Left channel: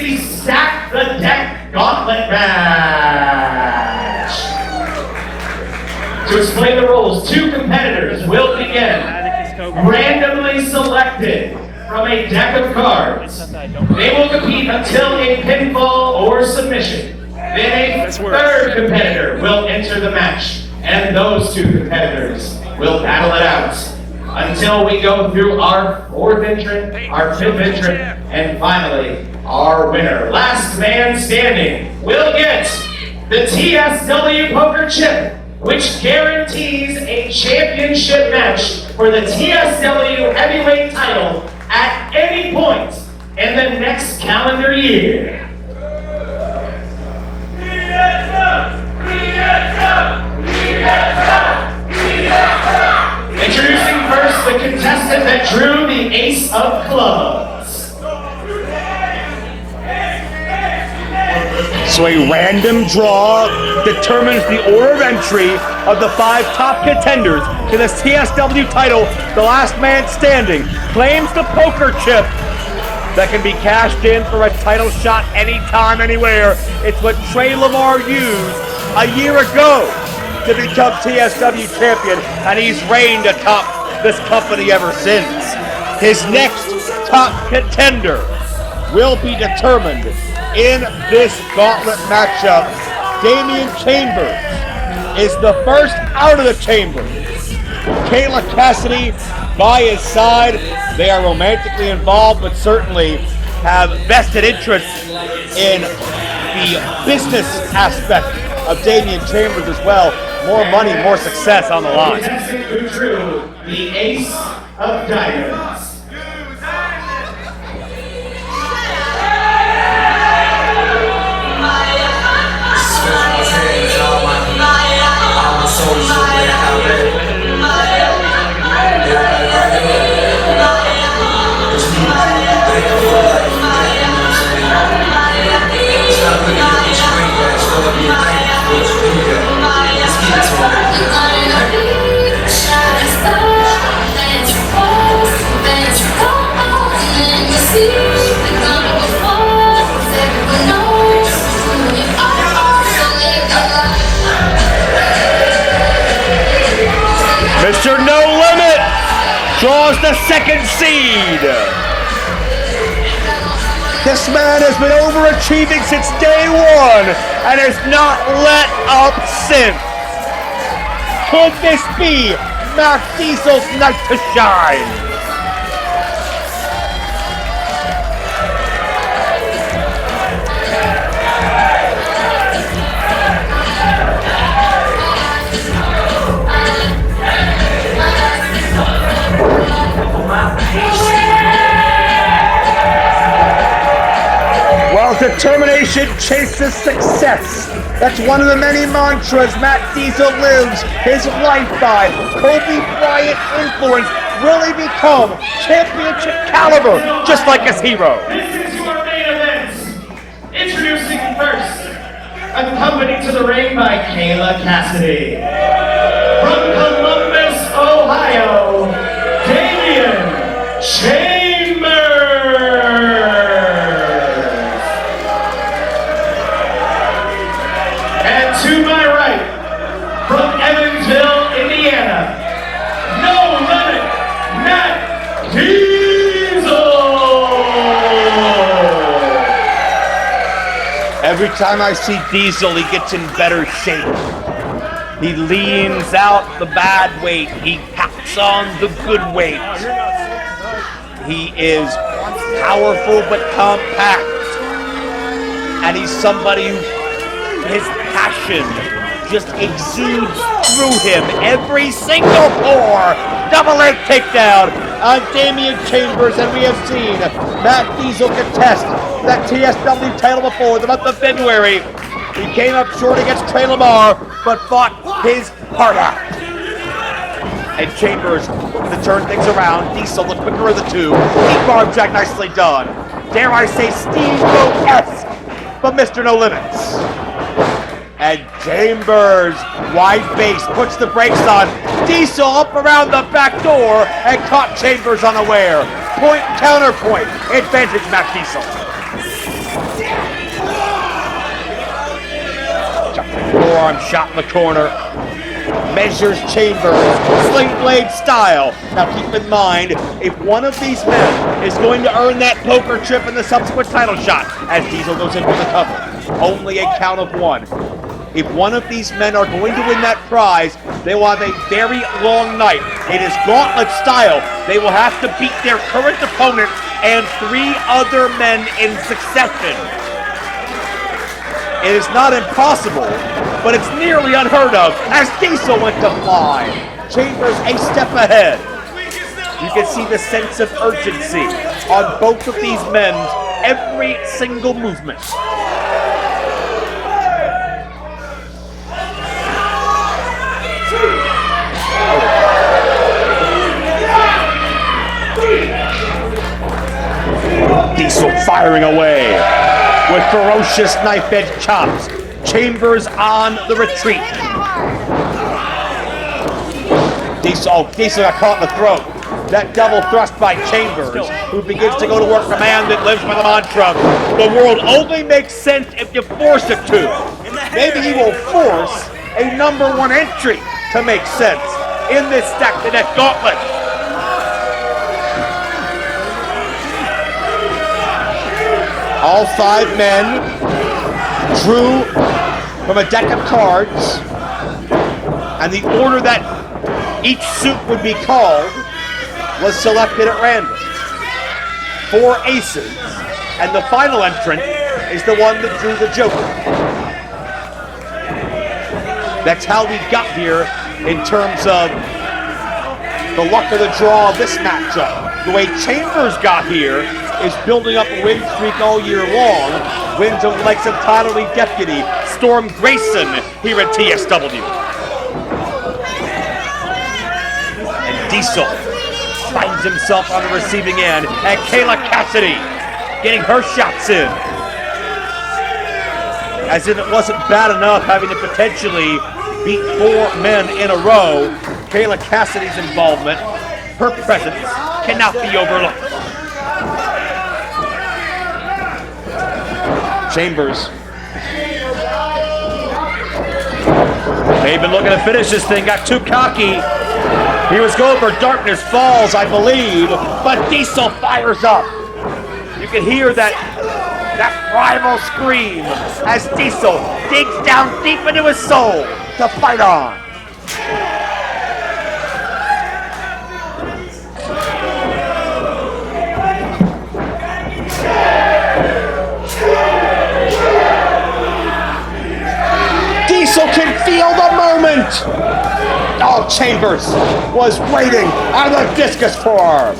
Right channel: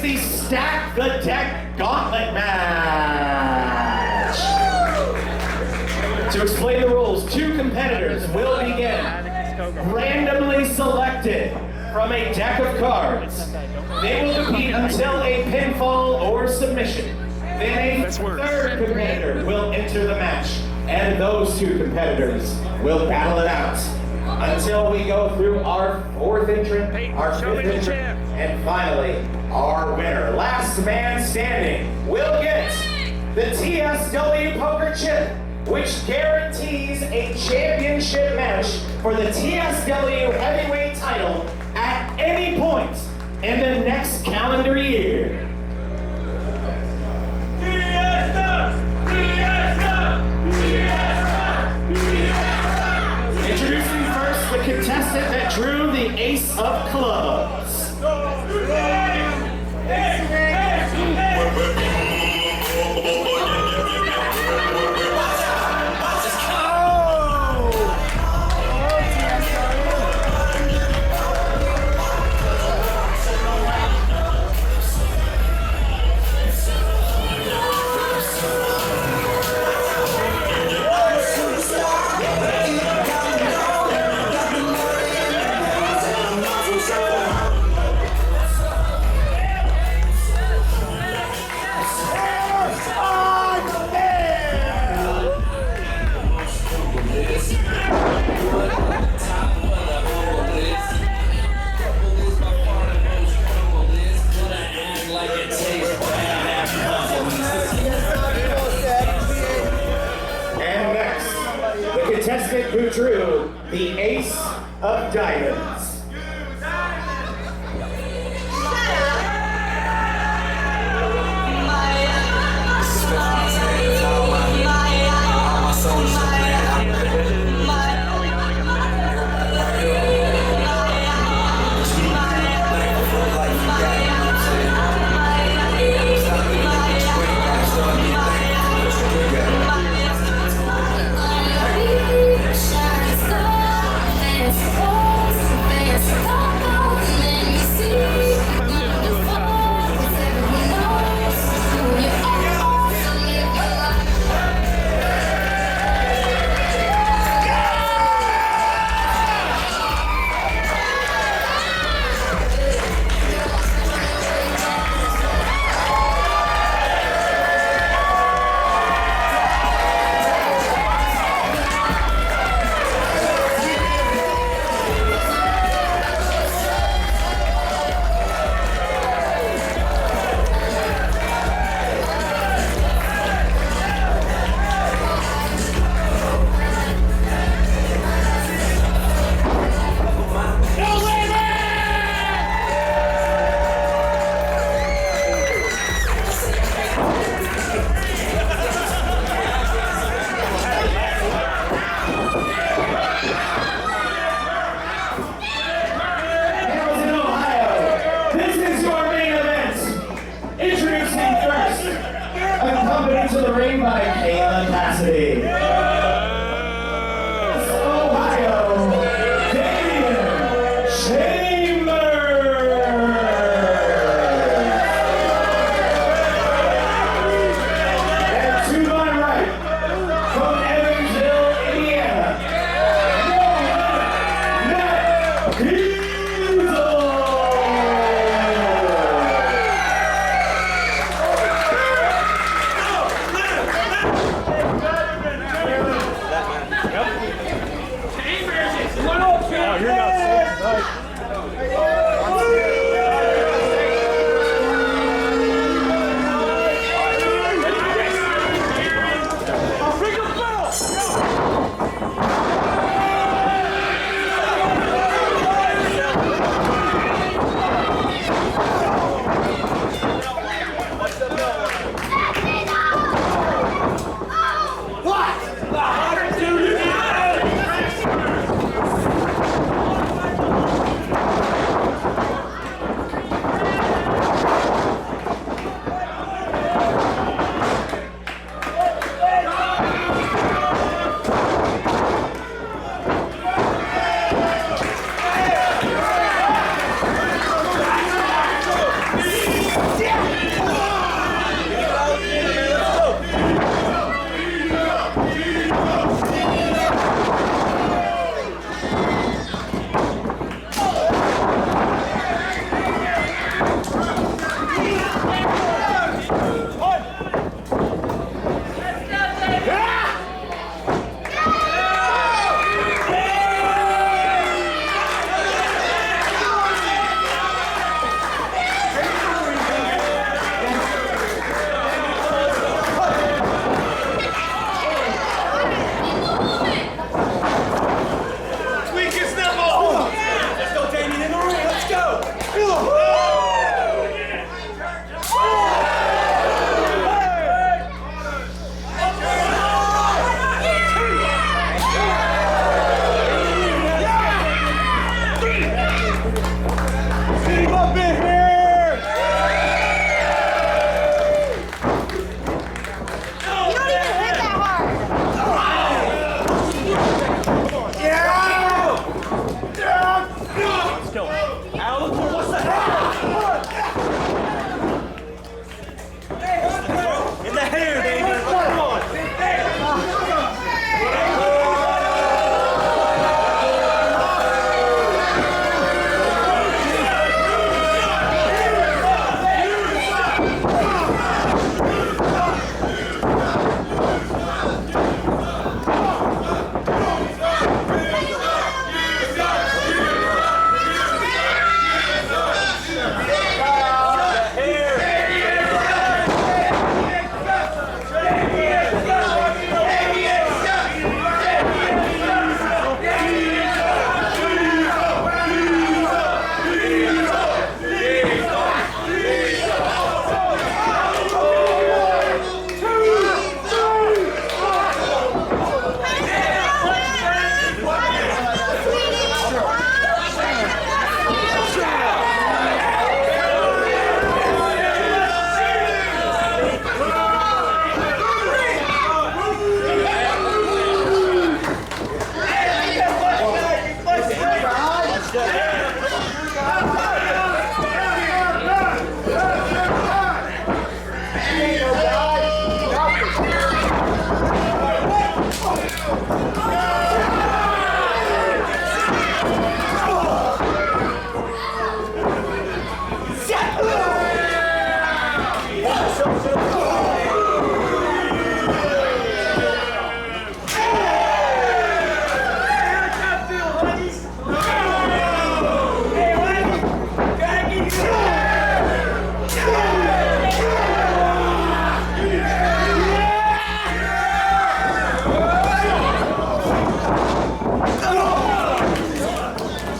the Stack the Deck Gauntlet match. To explain the rules, 2 competitors will begin randomly selected from a deck of cards. They will compete until a pinfall or submission. Then a third competitor will enter the match, and those 2 competitors will battle it out until we go through our 4th entrant, our 5th entrant, and finally, our winner. Last man standing will get the TSW Poker Chip, which guarantees a championship match for the TSW heavyweight title at any point in the next calendar year. Introducing first the contestant that drew the ace of clubs. So a random draw determines the order of entry of the 5 top contenders to the TSW title. The last man standing claims the poker chip that can be cashed in for a title shot anytime, anywhere. It's what Trey Lamar used a year ago to become TSW champion, and he's reigned atop this company ever since. His next top contender will be determined in this gauntlet matchup. Damian Chambers is the first out of the chamber. Kayla Kassidy by his side. They are romantically involved, but certainly have vested interest in the business aspect of Damian Chambers as well. More money, more success on the line. The contestant who drew the ace of diamonds. Draws the second seed. This man has been overachieving since day one and has not let up since. Could this be Matt Diesel's night to shine? Determination chases success. That's one of the many mantras Matt Diesel lives his life by. Kobe Bryant influence. Will he become championship caliber, just like his hero? This is your main event. Introducing first, accompanied to the ring by Kayla Kassidy. From Columbus, Ohio, Damian Chambers. Every time I see Diesel, he gets in better shape. He leans out the bad weight. He packs on the good weight. He is powerful but compact. And he's somebody who his passion just exudes through him. Every single pour, double leg takedown on Damian Chambers, and we have seen Matt Diesel contest that TSW title before the month of February. He came up short against Trey Lamar, but fought his heart out. And Chambers to turn things around. Diesel the quicker of the two. Deep arm jack, nicely done. Dare I say Steve-O-esque from Mr. No Limits. And Chambers, wide face, puts the brakes on. Diesel up around the back door and caught Chambers unaware. Point, counterpoint, advantage Matt Diesel. forearm shot in the corner. Measures Chambers, sling blade style. Now keep in mind, if one of these men is going to earn that poker chip in the subsequent title shot, and Diesel goes in for the cover, only a count of one. If one of these men are going to win that prize, they will have a very long night. It is gauntlet style. They will have to beat their current opponent and 3 other men in succession. It is not impossible, but it's nearly unheard of as Diesel went to 5. Chambers a step ahead. You can see the sense of urgency on both of these men, every single movement. Diesel firing away with ferocious knife-edge chops. Chambers on the retreat. Diesel got caught in the throat. That double thrust by Chambers, who begins to go to work for a man that lives with a mantra. The world only makes sense if you force it to. Maybe he will force a #1 entry to make sense in this stack-to-death gauntlet. All 5 men drew from a deck of cards, and the order that each suit would be called was selected at random. 4 aces, and the final entrant is the one that drew the joker. That's how we got here in terms of the luck of the draw of this matchup. The way Chambers got here is building up a win streak all year long. Wins over the likes of Title League Deputy, Storm Grayson here at TSW. Diesel finds himself on the receiving end, and Kayla Kassidy getting her shots in. As if it wasn't bad enough having to potentially beat 4 men in a row, Kayla Kassidy's involvement, her presence, cannot be overlooked. Chambers. They've been looking to finish this thing, got too cocky. He was going for Darkness Falls, I believe, but Diesel fires up. You can hear that primal scream as Diesel digs down deep into his soul to fight on. Diesel can feel the moment. Oh, Chambers was waiting on the discus forearm.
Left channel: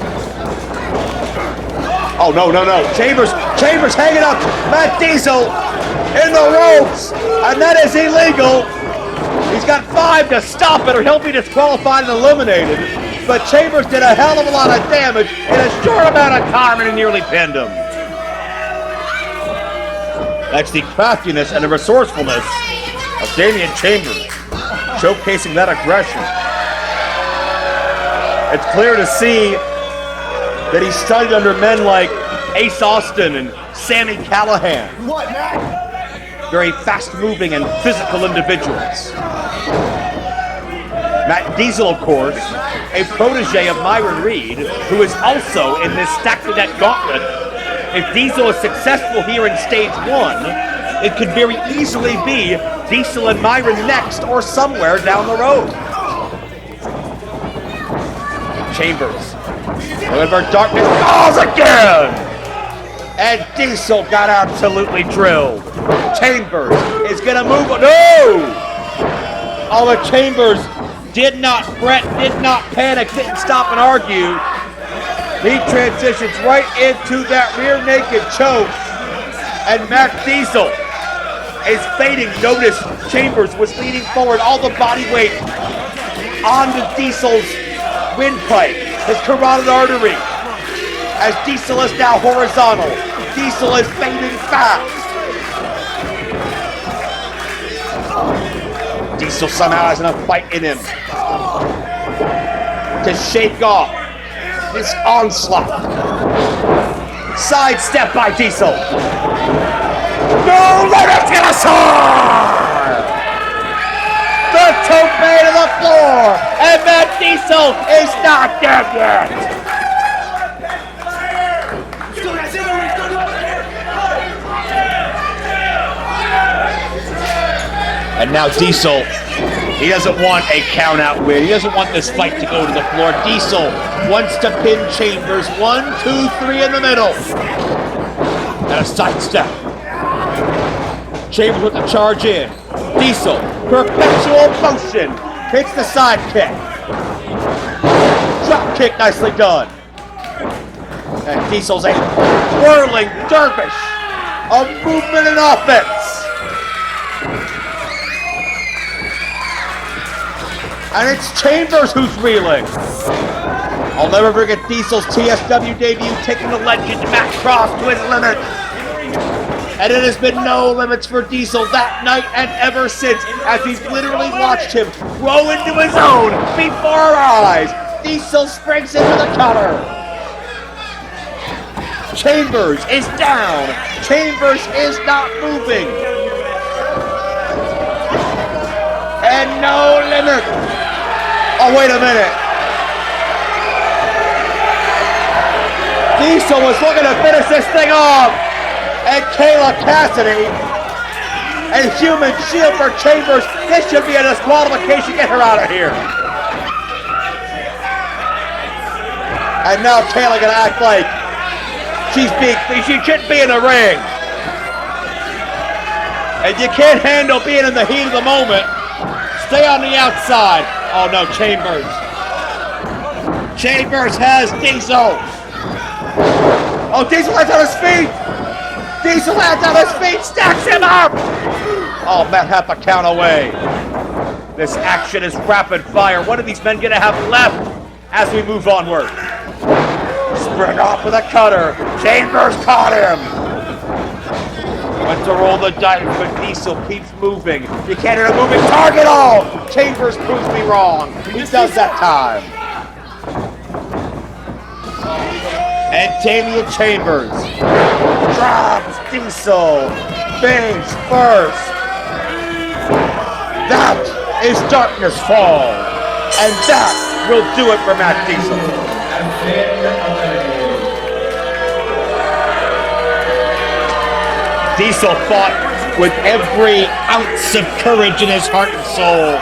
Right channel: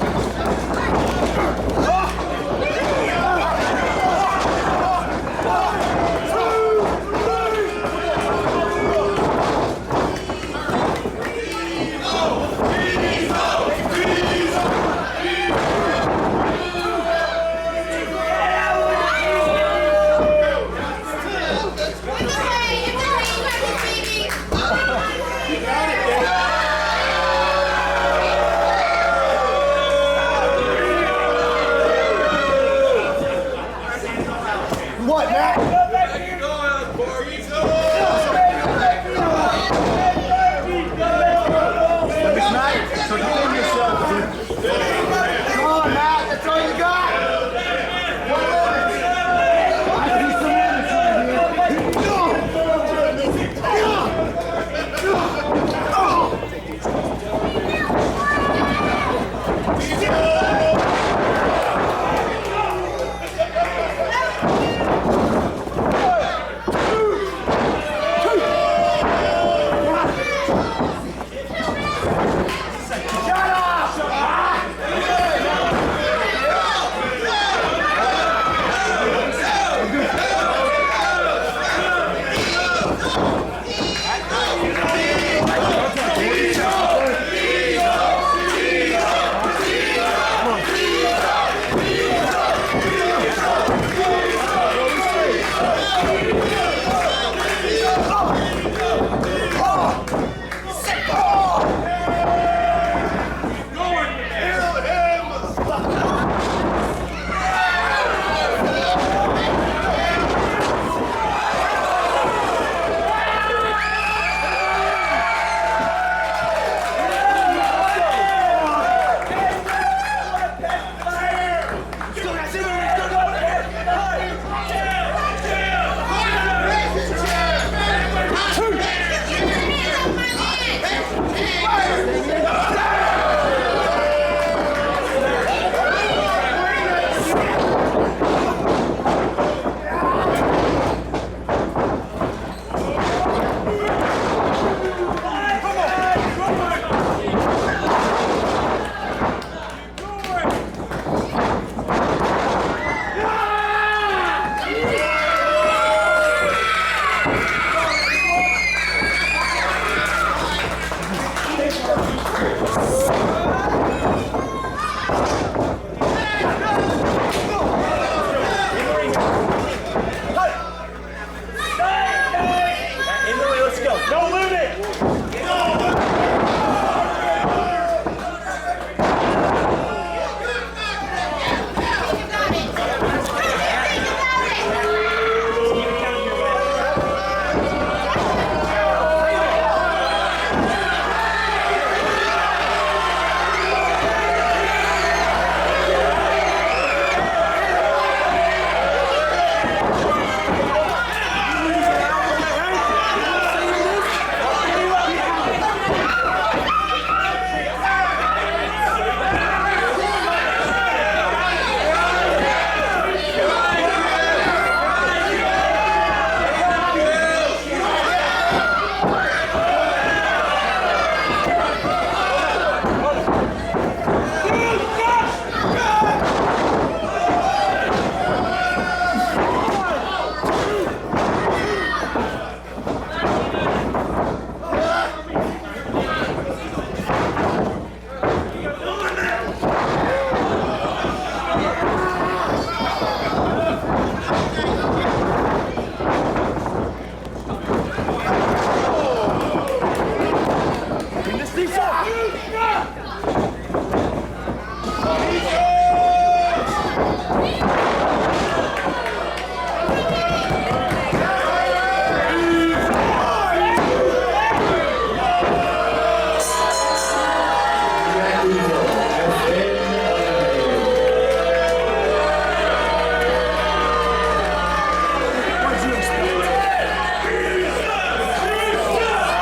Oh, no. Chambers hanging up. Matt Diesel in the ropes, and that is illegal. He's got 5 to stop it, or he'll be disqualified and eliminated. But Chambers did a hell of a lot of damage in a short amount of time, and he nearly pinned him. That's the craftiness and the resourcefulness of Damian Chambers, showcasing that aggression. It's clear to see that he's strung under men like Ace Austin and Sammy Callahan. What, Matt? Very fast-moving and physical individuals. Matt Diesel, of course, a protege of Myron Reed, who is also in this stack-to-death gauntlet. If Diesel is successful here in stage 1, it could very easily be Diesel and Myron next or somewhere down the road. Chambers. However, Darkness calls again! And Diesel got absolutely drilled. Chambers is gonna move. No! Although Chambers did not fret, did not panic, didn't stop and argue. He transitions right into that rear naked choke. And Matt Diesel is fading. Notice Chambers was leaning forward, all the body weight onto Diesel's windpipe, the carotid artery. As Diesel is now horizontal. Diesel is fading fast. Diesel somehow has enough fight in him to shake off this onslaught. Sidestep by Diesel. No, let it get us on! Diesel is not dead yet. And now Diesel, he doesn't want a count out win. He doesn't want this fight to go to the floor. Diesel wants to pin Chambers. 1, 2, 3 in the middle. Now sidestep. Chambers with the charge in. Diesel, perpetual motion. Takes the side kick. Drop kick, nicely done. And Diesel's a whirling dervish of movement and offense. And it's Chambers who's reeling. I'll never forget Diesel's TSW debut, taking the legend Matt Cross with limits. And it has been no limits for Diesel that night and ever since, as he's literally watched him grow into his own before our eyes. Diesel springs into the cover. Chambers is down. Chambers is not moving. And no limit. Oh, wait a minute. Diesel was looking to finish this thing off. And Kayla Kassidy and human shield for Chambers. This should be a disqualification. Get her out of here. And now Kayla gonna act like she shouldn't be in the ring. And you can't handle being in the heat of the moment. Stay on the outside. Oh no, Chambers. Chambers has Diesel. Oh, Diesel has on his feet. Diesel has on his feet, stacks him up. Oh, Matt half a count away. This action is rapid fire. What are these men gonna have left as we move onward? Sprint off with a cutter. Chambers caught him. To roll the dice, but Diesel keeps moving. You can't hit a moving target all. Chambers proves me wrong. He does that time. And Damian Chambers drops Diesel. Bangs first. That is darkness fall. And that will do it for Matt Diesel. Diesel fought with every ounce of courage in his heart and soul.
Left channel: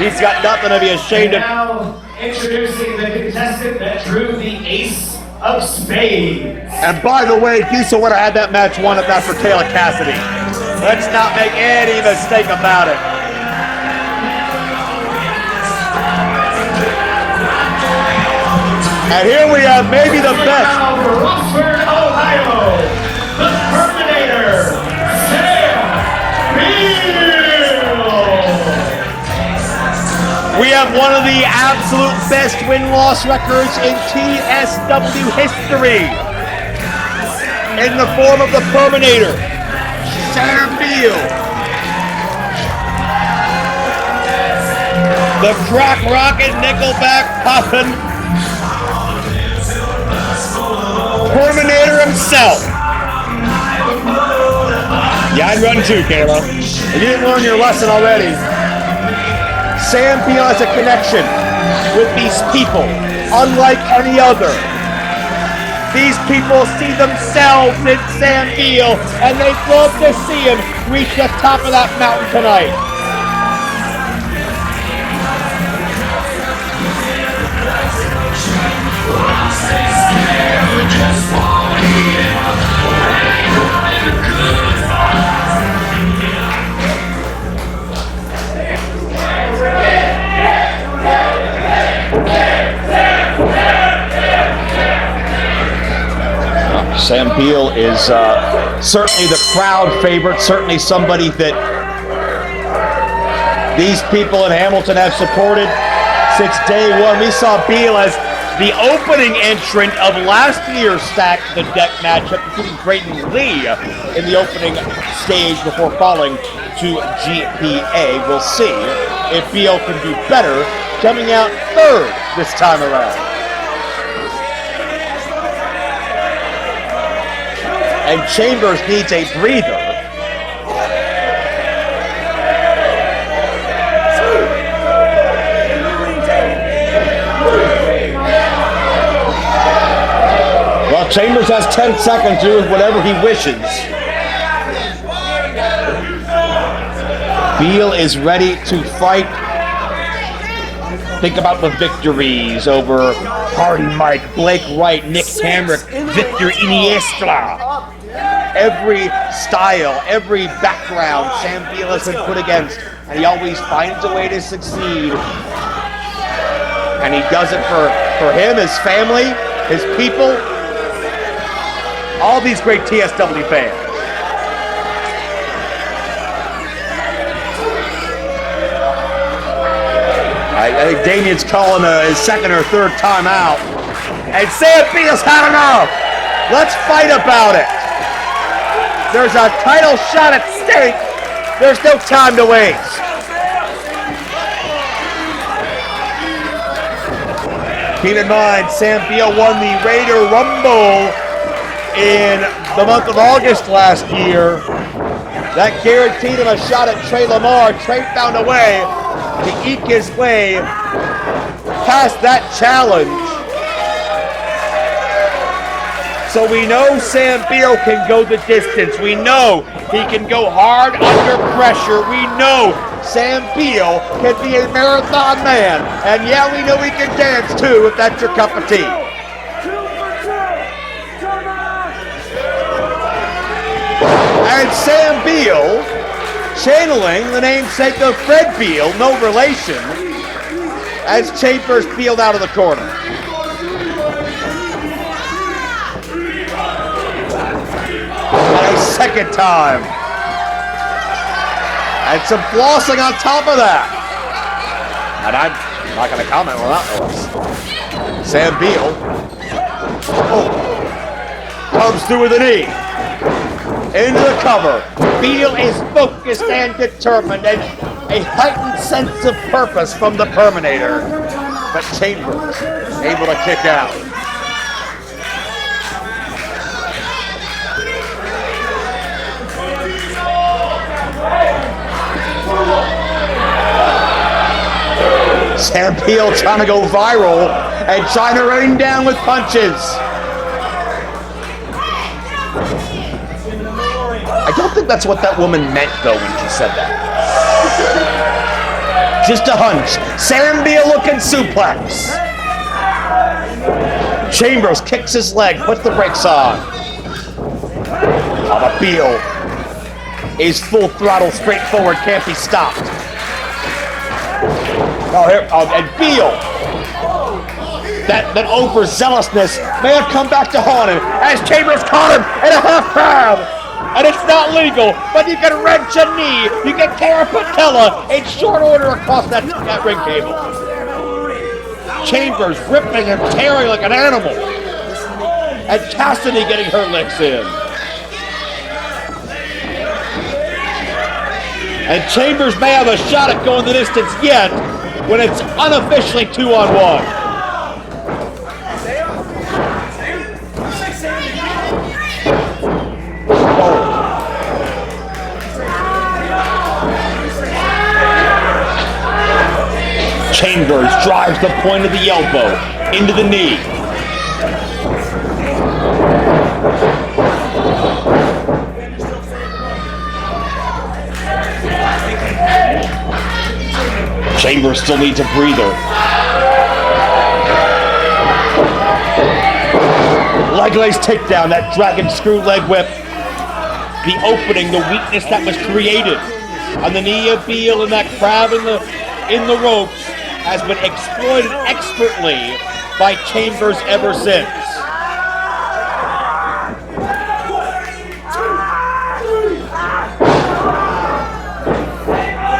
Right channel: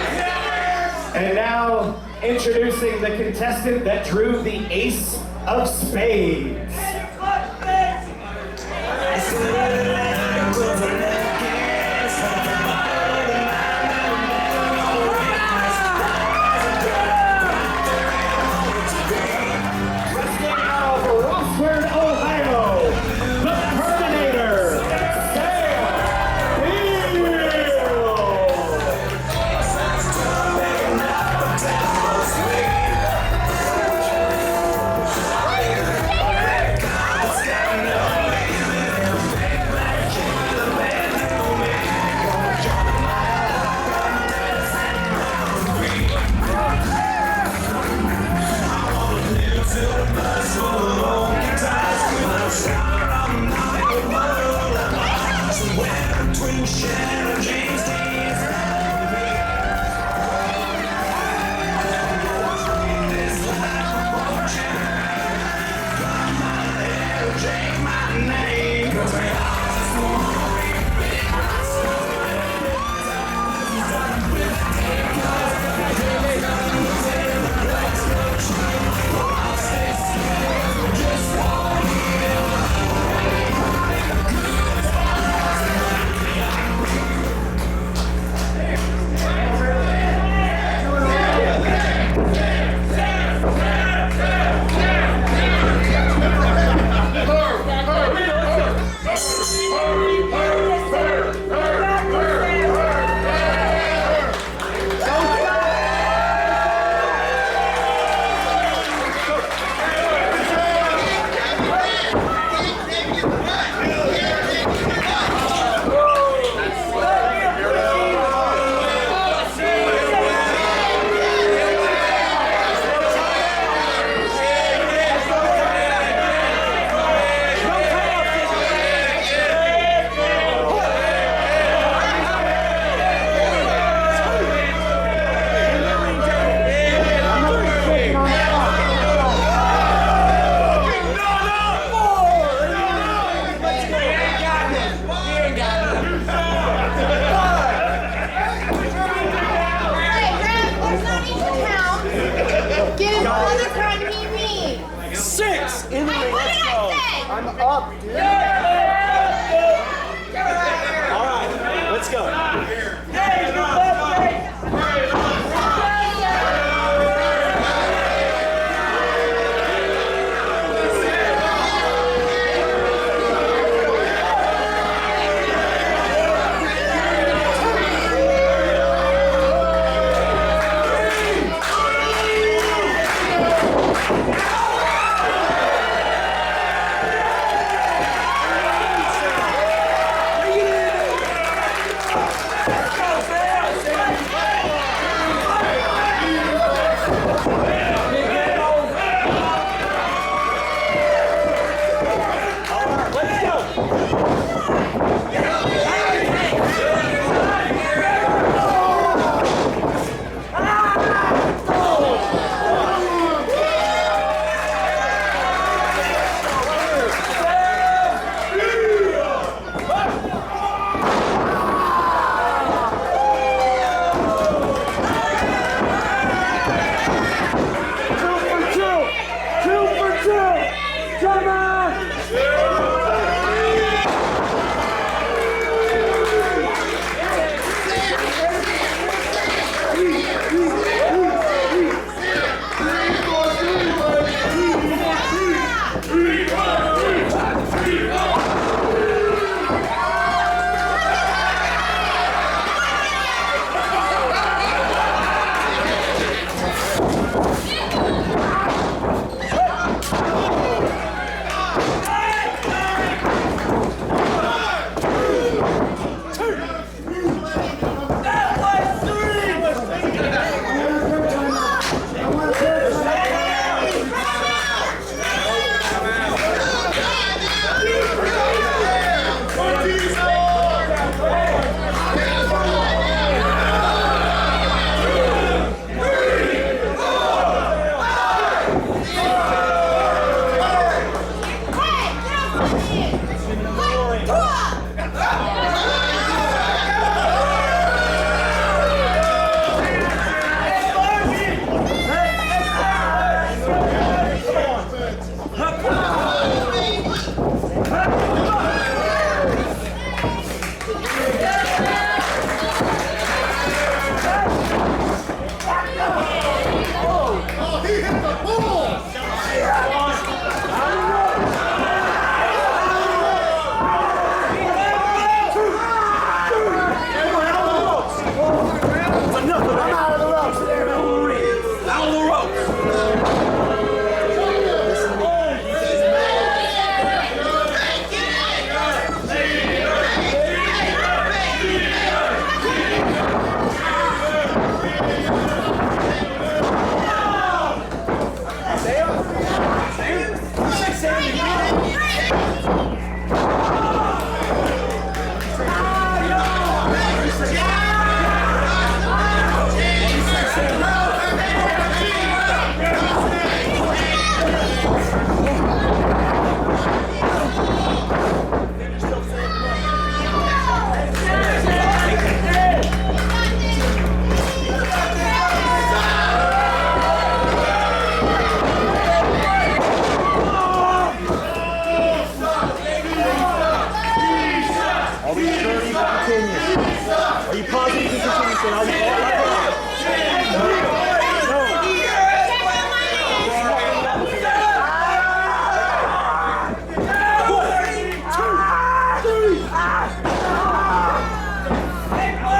He's got nothing to be ashamed of. Now introducing the contestant that drew the ace of spades. And by the way, Diesel would have had that match won if not for Kayla Kassidy. Let's not make any mistake about it. And here we have maybe the best. Now for Roxford, Ohio, the Terminator, Beale. We have one of the absolute best win-loss records in TSW history. In the form of the Terminator, Beale. The crack rocket Nickelback puffin. Terminator himself. Yeah, I'd run too, Kayla. You didn't learn your lesson already. Sam Beale has a connection with these people, unlike any other. These people see themselves in Sam Beale, and they'd love to see him reach the top of that mountain tonight. Sam Beale is certainly the crowd favorite, certainly somebody that these people in Hamilton have supported since day one. We saw Beale as the opening entrant of last year's Stack the Deck matchup between Creighton Lee in the opening stage before falling to GPA. We'll see if Beale can do better coming out third this time around. And Chambers needs a breather. Chambers has 10 seconds to do whatever he wishes. Beale is ready to fight. Think about the victories over Hardy Mike, Blake Wright, Nick Camrick, Victor Iniestra. Every style, every background Sam Beale has been put against, he always finds a way to succeed. And he does it for him, his family, his people, all these great TSW fans. I think Damian's calling his second or third time out. And Sam Beale's had enough. Let's fight about it. There's a title shot at stake. There's no time to waste. Keep in mind, Sam Beale won the Raider Rumble in the month of August last year. That guaranteed him a shot at Trey Lamar. Trey found a way to eke his way past that challenge. So we know Sam Beale can go the distance. We know he can go hard under pressure. We know Sam Beale can be a marathon man. And yeah, we know he can dance too, if that's your cup of tea. 2 for 2. Come on! And Sam Beale, channeling the namesake of Fred Beale, no relation, as Chambers peeled out of the corner. And a second time. And some flossing on top of that. And I'm not going to comment on that. Sam Beale comes through with a knee. Into the cover. Beale is focused and determined, and a heightened sense of purpose from the Terminator. But Chambers able to kick out. Sam Beale trying to go viral and trying to rain down with punches. I don't think that's what that woman meant, though, when she said that. Just a hunch. Sam Beale looking suplex. Chambers kicks his leg, puts the brakes on. Beale is full throttle, straightforward, can't be stopped. And Beale, that overzealousness may have come back to haunt him as Chambers caught him in a hot crab. And it's not legal, but you can wrench a knee, you can tear a patella in short order across that ring table. Chambers ripping and tearing like an animal. And Kassidy getting her legs in. And Chambers may have a shot at going the distance yet when it's unofficially 2-on-1. Chambers drives the point of the elbow into the knee. Chambers still needs a breather. Leg lace takedown, that dragon screw leg whip. The opening, the weakness that was created on the knee of Beale and that crowd in the ropes has been exploited expertly by Chambers ever since.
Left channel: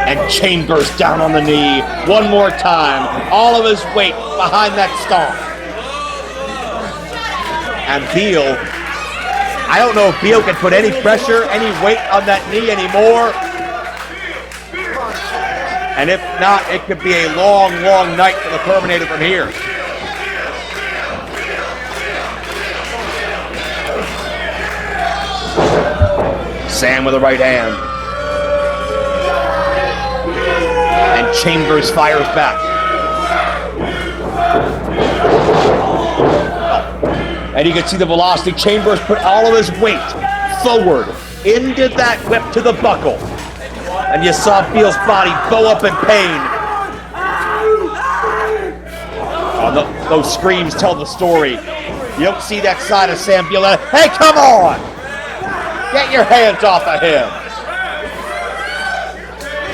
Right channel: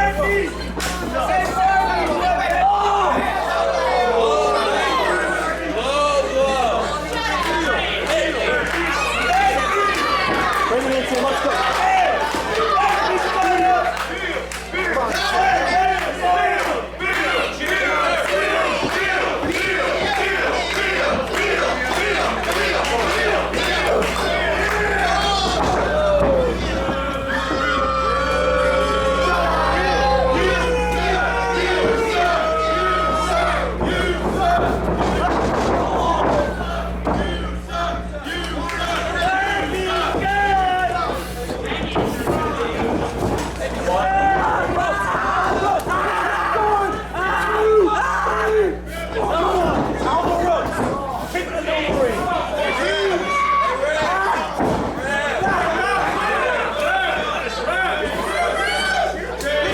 And Chambers down on the knee one more time. All of his weight behind that stomp. And Beale, I don't know if Beale can put any pressure, any weight on that knee anymore. And if not, it could be a long, long night for the Terminator from here. Sam with the right hand. And Chambers fires back. And And you can see the velocity. Chambers put all of his weight forward into that whip to the buckle. And you saw Beale's body bow up in pain. Those screams tell the story. You don't see that side of Sam Beale. Hey, come on! Get your hands off of him.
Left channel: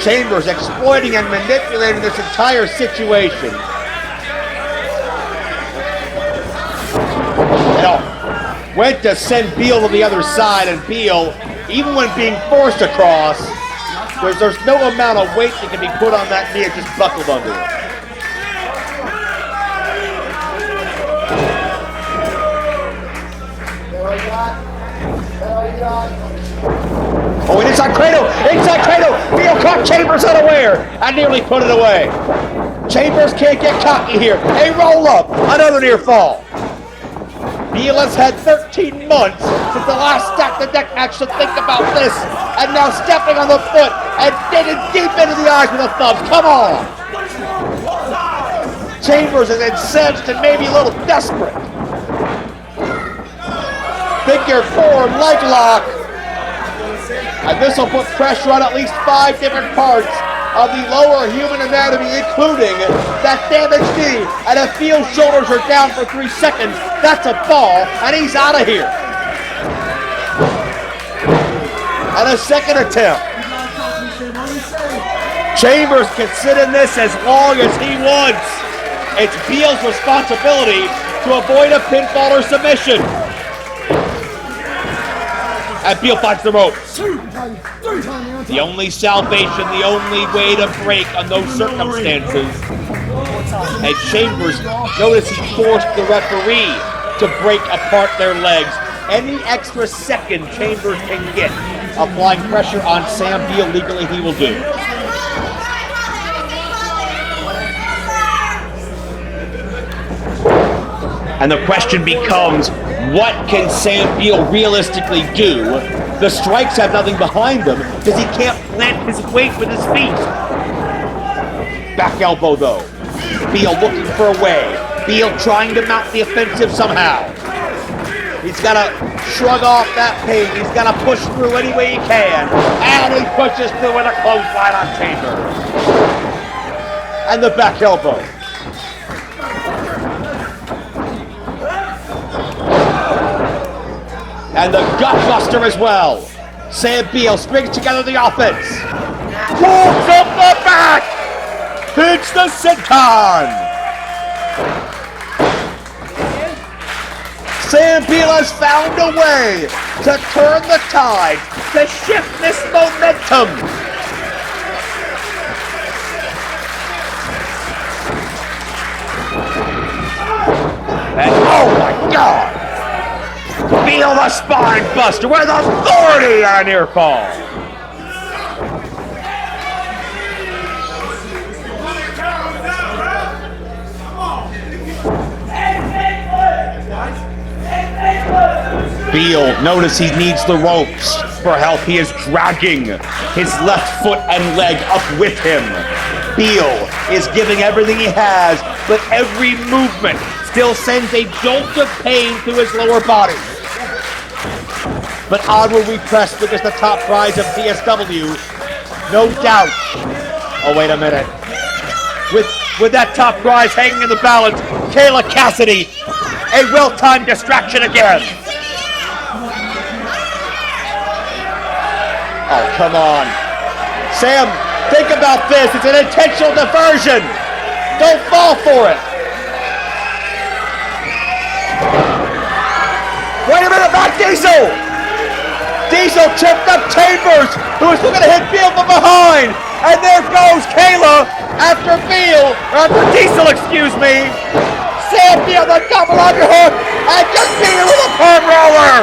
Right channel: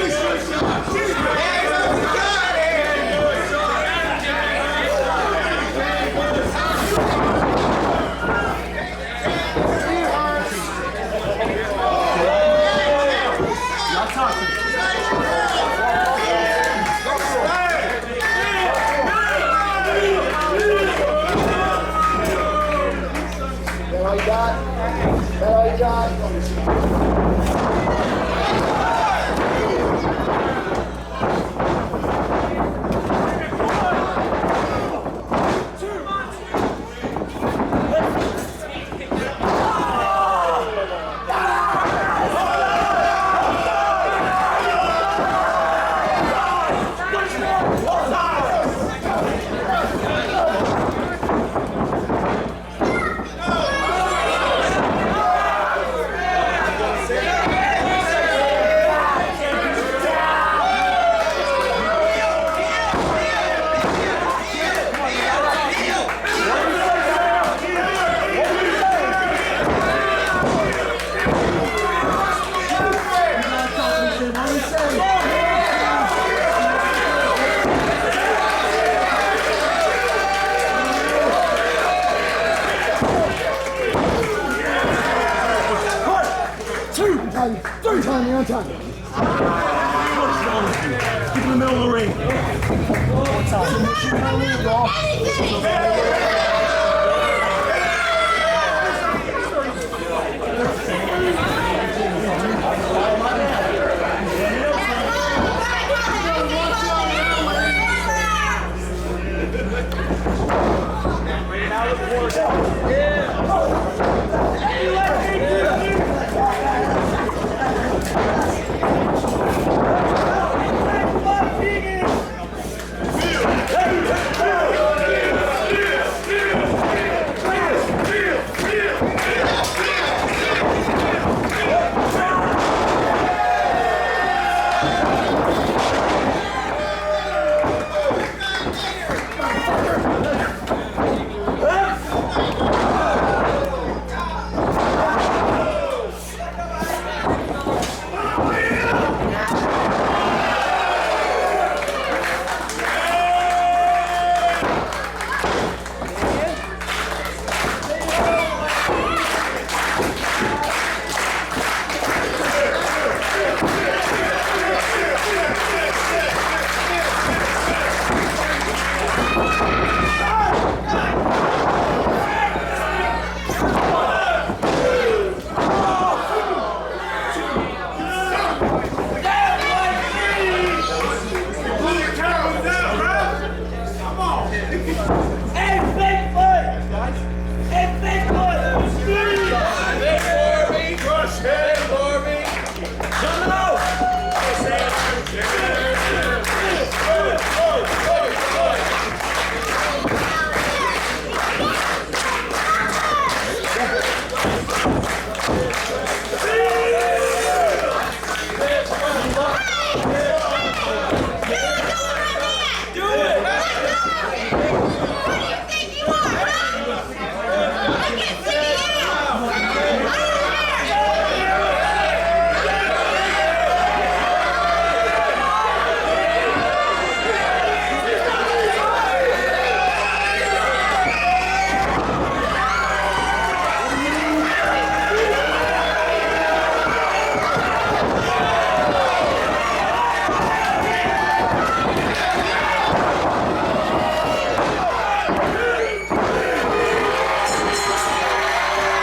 Chambers exploiting and manipulating this entire situation. Went to send Beale to the other side, and Beale, even when being forced across, there's no amount of weight that can be put on that knee if he's buckled over. Oh, inside cradle! Inside cradle! Beale caught Chambers unaware and nearly put it away. Chambers can't get cocky here. A roll up, another near fall. Beale has had 13 months since the last Stack the Deck match to think about this, and now stepping on the foot and digging deep into the eyes with a thumb. Come on! Chambers is incensed and maybe a little desperate. Figure four leg lock, and this will put pressure on at least 5 different parts of the lower human anatomy, including that damaged knee, and if Beale's shoulders are down for 3 seconds, that's a fall, and he's out of here. And a second attempt. Chambers can sit in this as long as he wants. It's Beale's responsibility to avoid a pinfall or submission. And Beale finds the rope. The only salvation, the only way to break on those circumstances. And Chambers notices he forced the referee to break apart their legs. Any extra second Chambers can get applying pressure on Sam Beale legally he will do. And the question becomes, what can Sam Beale realistically do? The strikes have nothing behind them because he can't plant his weight with his feet. Back elbow though. Beale looking for a way. Beale trying to mount the offensive somehow. He's got to shrug off that pain. He's got to push through any way he can. And he pushes through with a clothesline on Chambers. And the back elbow. And the gutbuster as well. Sam Beale springs together the offense. Pulls up the back. Hits the senton. Sam Beale has found a way to turn the tide, to shift this momentum. And oh my God! Beale the spine buster with authority on a near fall. Beale, notice he needs the ropes for help. He is dragging his left foot and leg up with him. Beale is giving everything he has, but every movement still sends a jolt of pain through his lower body. But onward we press with just the top prize of TSW. No doubt. Oh, wait a minute. With that top prize hanging in the balance, Kayla Kassidy, a well-timed distraction again. Oh, come on. Sam, think about this. It's an intentional diversion. Don't fall for it. Wait a minute, back Diesel. Diesel chipped up Chambers, who's going to hit Beale from behind. And there goes Kayla after Beale, after Diesel, excuse me. Sam Beale, the double underhook, and just Beale with a palm roller.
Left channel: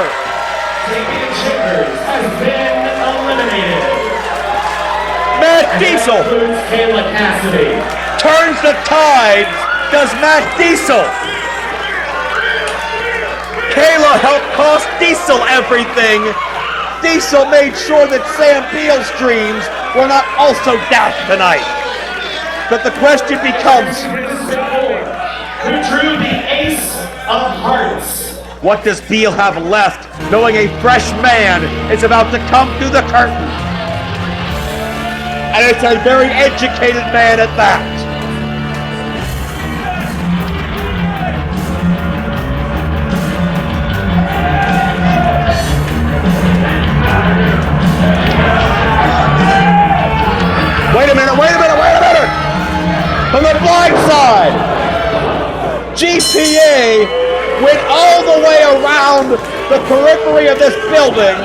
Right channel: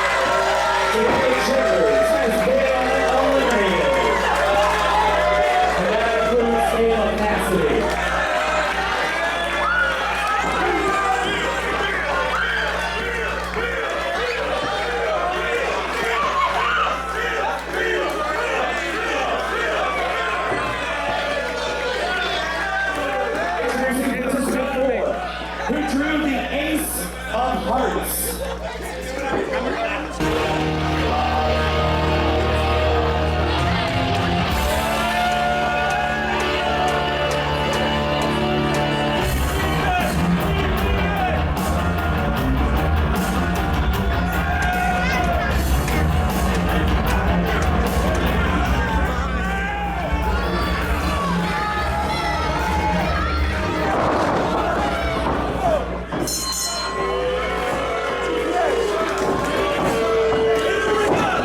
Matt Diesel turns the tide, does Matt Diesel. Kayla helped cost Diesel everything. Diesel made sure that Sam Beale's dreams were not also dashed tonight. But the question becomes, who drew the ace of hearts What does Beale have left, knowing a fresh man is about to come through the curtain? And it's a very educated man at that. Wait a minute. From the blind side, GPA went all the way around the periphery of this building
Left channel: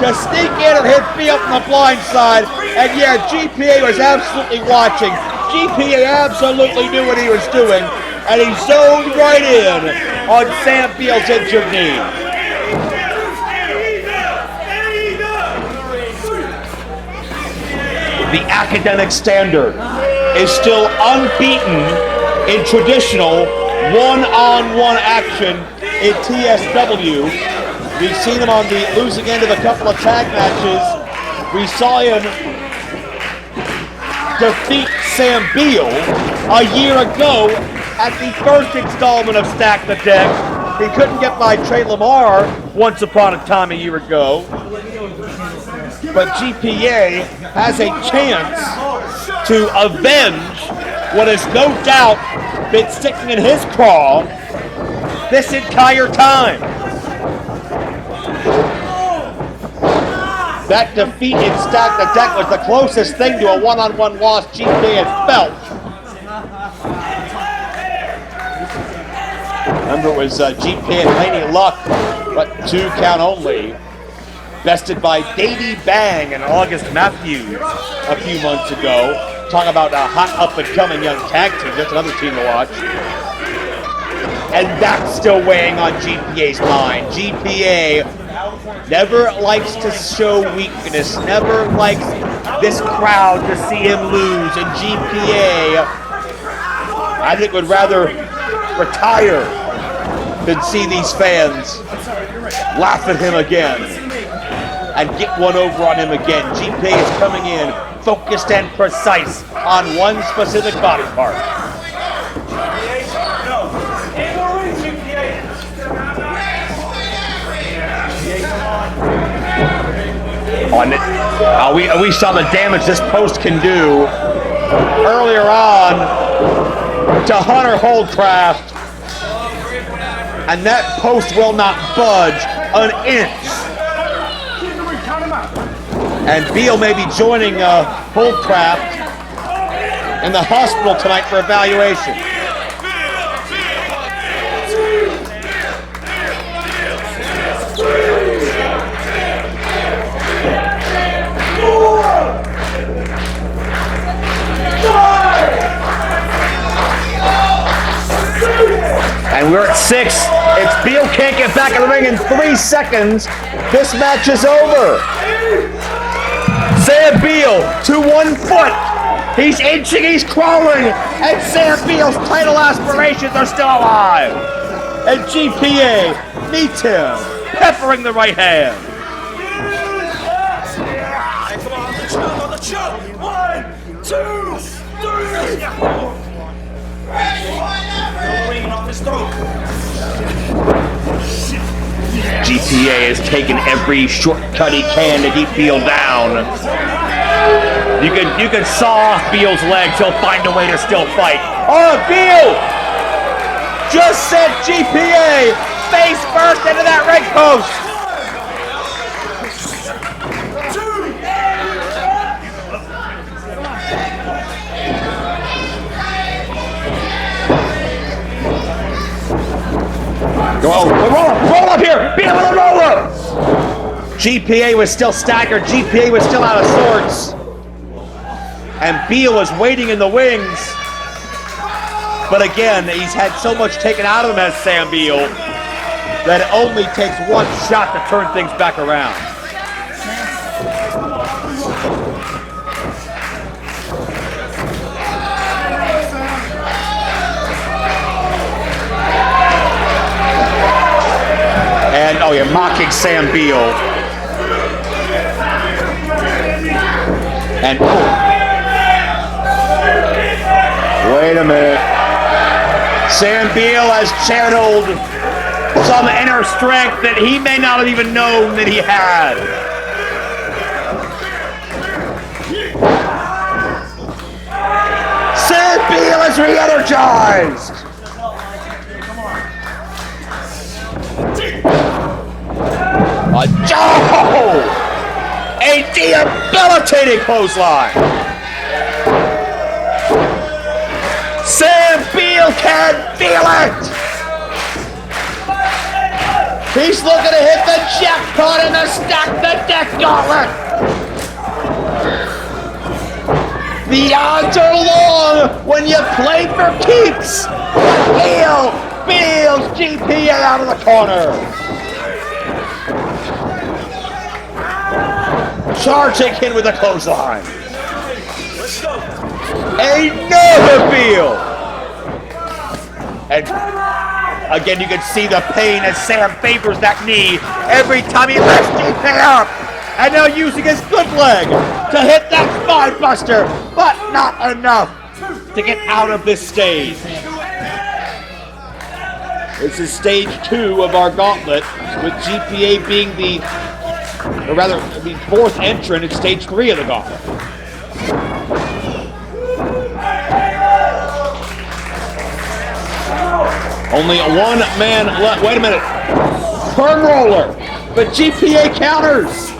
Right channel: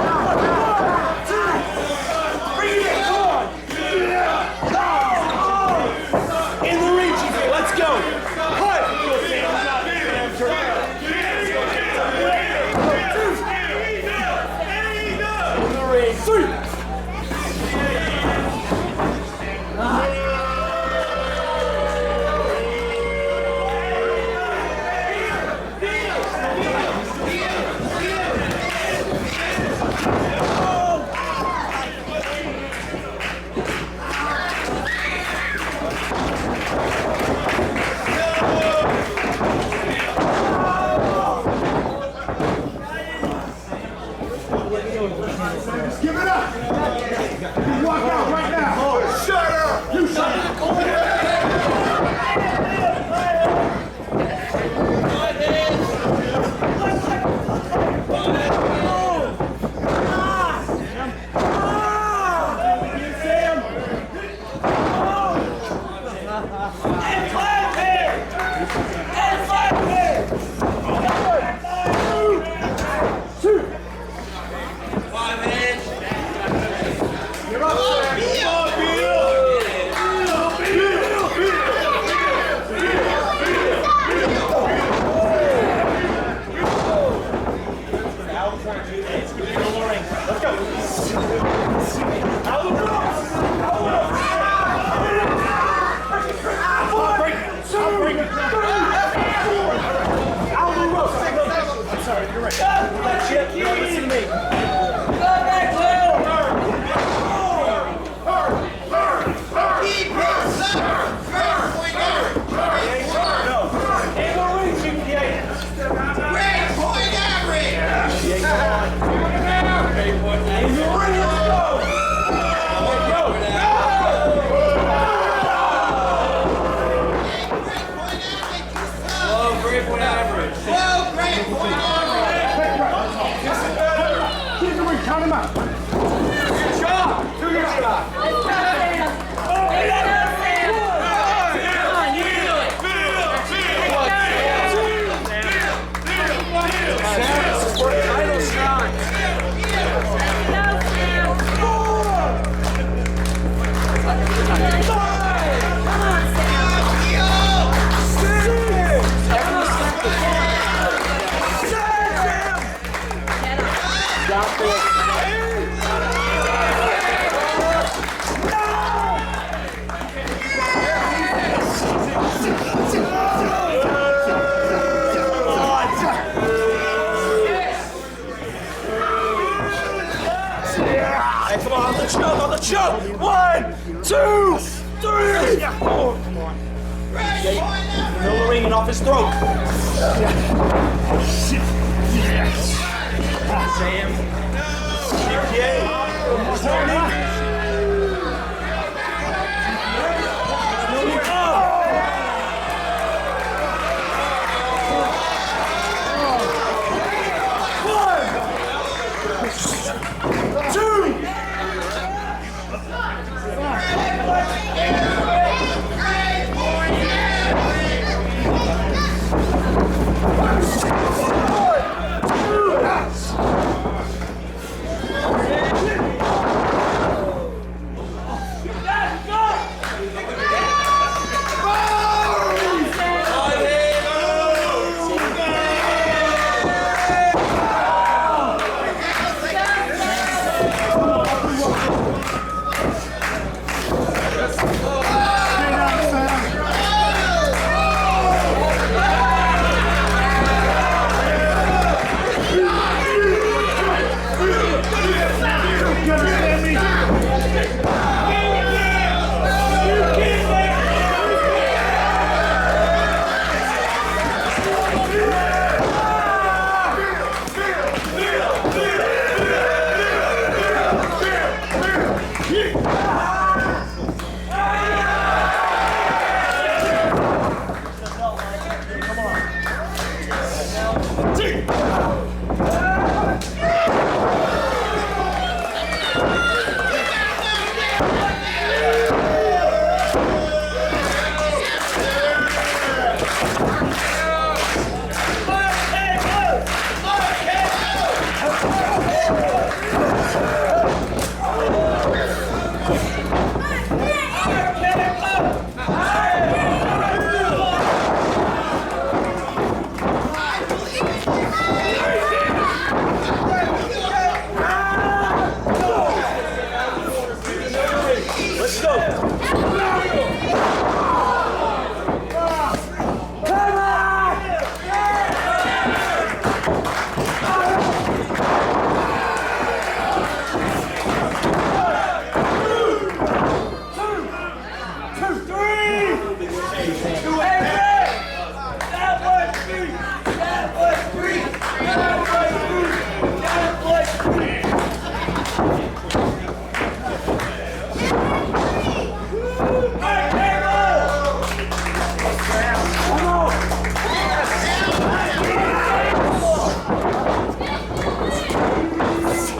to sneak in and hit Beale from the blind side. And yeah, GPA was absolutely watching. GPA absolutely knew what he was doing, and he zoned right in on Sam Beale's injured knee. The academic standard is still unbeaten in traditional one-on-one action in TSW. We've seen him on the losing end of a couple of tag matches. We saw him defeat Sam Beale a year ago at the first installment of Stack the Deck. He couldn't get by Trey Lamar once upon a time a year ago. But GPA has a chance to avenge what has no doubt been sticking in his craw this entire time. That defeat in Stack the Deck was the closest thing to a one-on-one loss GPA had felt. Remember, it was GPA and Lady Luck, but 2 count only. Bested by Davey Bang and August Matthews a few months ago. Talk about a hot up-and-coming young tag team. That's another team to watch. And that's still weighing on GPA's mind. GPA never likes to show weakness, never likes this crowd to see him lose. And GPA, I think, would rather retire than see these fans laugh at him again and get one over on him again. GPA is coming in focused and precise on one specific body part. We saw the damage this post can do earlier on to Hunter Holdcraft. And that post will not budge an inch. And Beale may be joining Holdcraft in the hospital tonight for evaluation. And we're at 6. It's Beale can't get back in the ring in 3 seconds. This match is over. Sam Beale to 1 foot. He's inching, he's crawling, and Sam Beale's title aspirations are still alive. And GPA meets him, peppering the right hand. Hey, come on the choke. 1, 2, 3. No ringing off his throat. GPA has taken every shortcut he can to keep Beale down. You can saw off Beale's legs, he'll find a way to still fight. Oh, Beale just sent GPA face first into that ring post. 2. Roll up here! Beale with a roller! GPA was still staggered. GPA was still out of sorts. And Beale was waiting in the wings. But again, he's had so much taken out of him as Sam Beale that it only takes one shot to turn things back around. Oh, you're mocking Sam Beale. And wait a minute. Sam Beale has channeled some inner strength that he may not have even known that he had. Sam Beale is re-energized. A debilitating clothesline. Sam Beale can feel it. He's looking to hit the jackpot in the stack the deck gauntlet. The odds are long when you play for keeps. Beale, GPA out of the corner. Charging in with a clothesline. Let's go. Another Beale. And again, you can see the pain as Sam favors that knee every time he lifts GPA up. And now using his good leg to hit that spine buster, but not enough to get out of this stage. This is stage 2 of our gauntlet, with GPA being the fourth entrant in stage 3 of the gauntlet. Only one man left. Wait a minute. Turn roller. But GPA counters.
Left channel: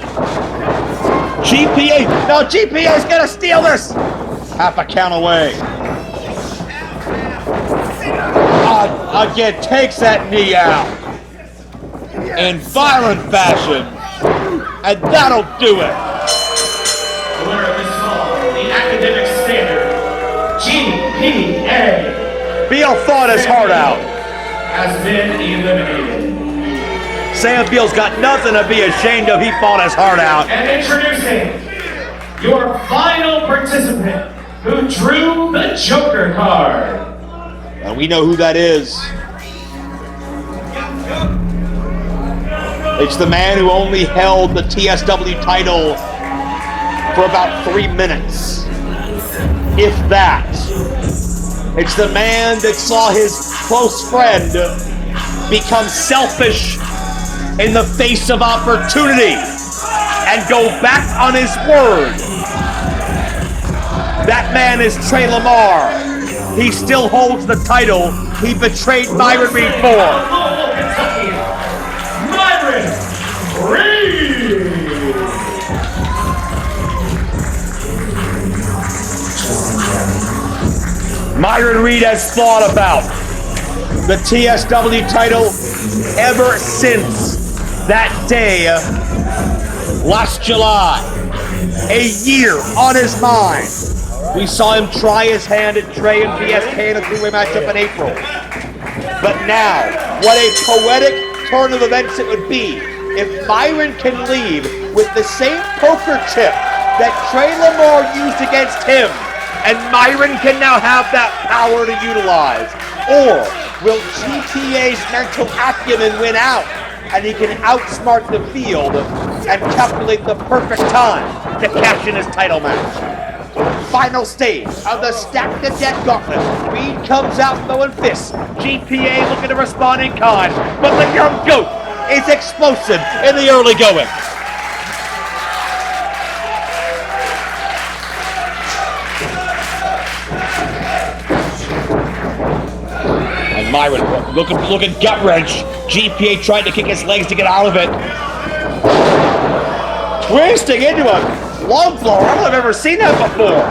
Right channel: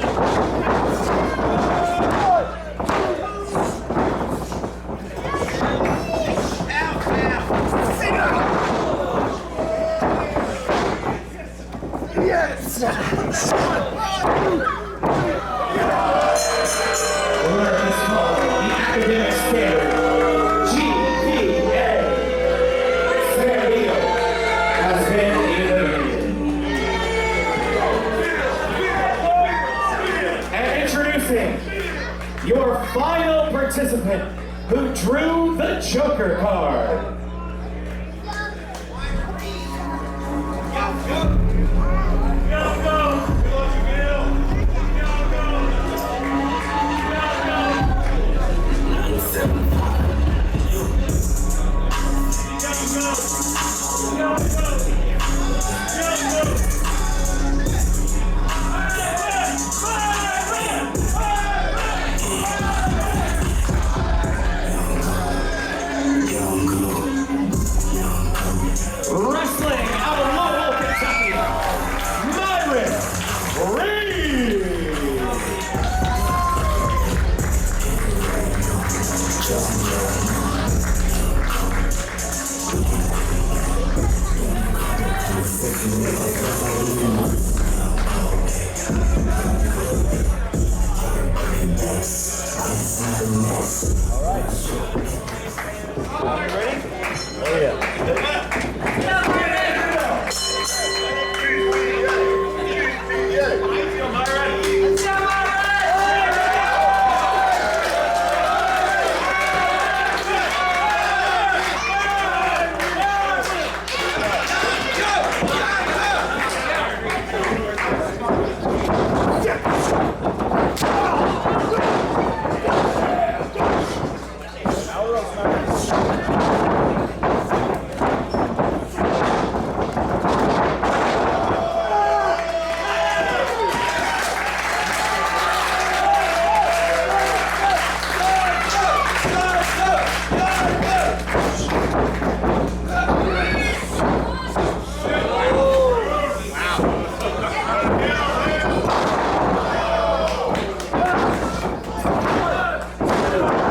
GPA's gonna steal this. Half a count away. Again, takes that knee out. In violent fashion. And that'll do it. GPA. Beale fought his heart out. Sam Beale's got nothing to be ashamed of. He fought his heart out. And introducing your final participant who drew the Joker card. And we know who that is. It's the man who only held the TSW title for about 3 minutes, if that. It's the man that saw his close friend become selfish in the face of opportunity and go back on his word. That man is Trey Lamar. He still holds the title he betrayed Myron before. Myron Reed. Myron Reed has thought about the TSW title ever since that day last July. A year on his mind. We saw him try his hand at Trey and PSK in a three-way matchup in April. But now, what a poetic turn of events it would be if Myron can lead with the same poker chip that Trey Lamar used against him, and Myron can now have that power to utilize. Or will GPA's mental acumen win out, and he can outsmart the field and calculate the perfect time to cash in his title match. Final stage of the Stack the Deck gauntlet. Reed comes out throwing fists. GPA looking to respond in kind, but the young goat is explosive in the early going. And Myron looking gut wrench. GPA trying to kick his legs to get out of it. Twisting into a long throw. I've never seen that before.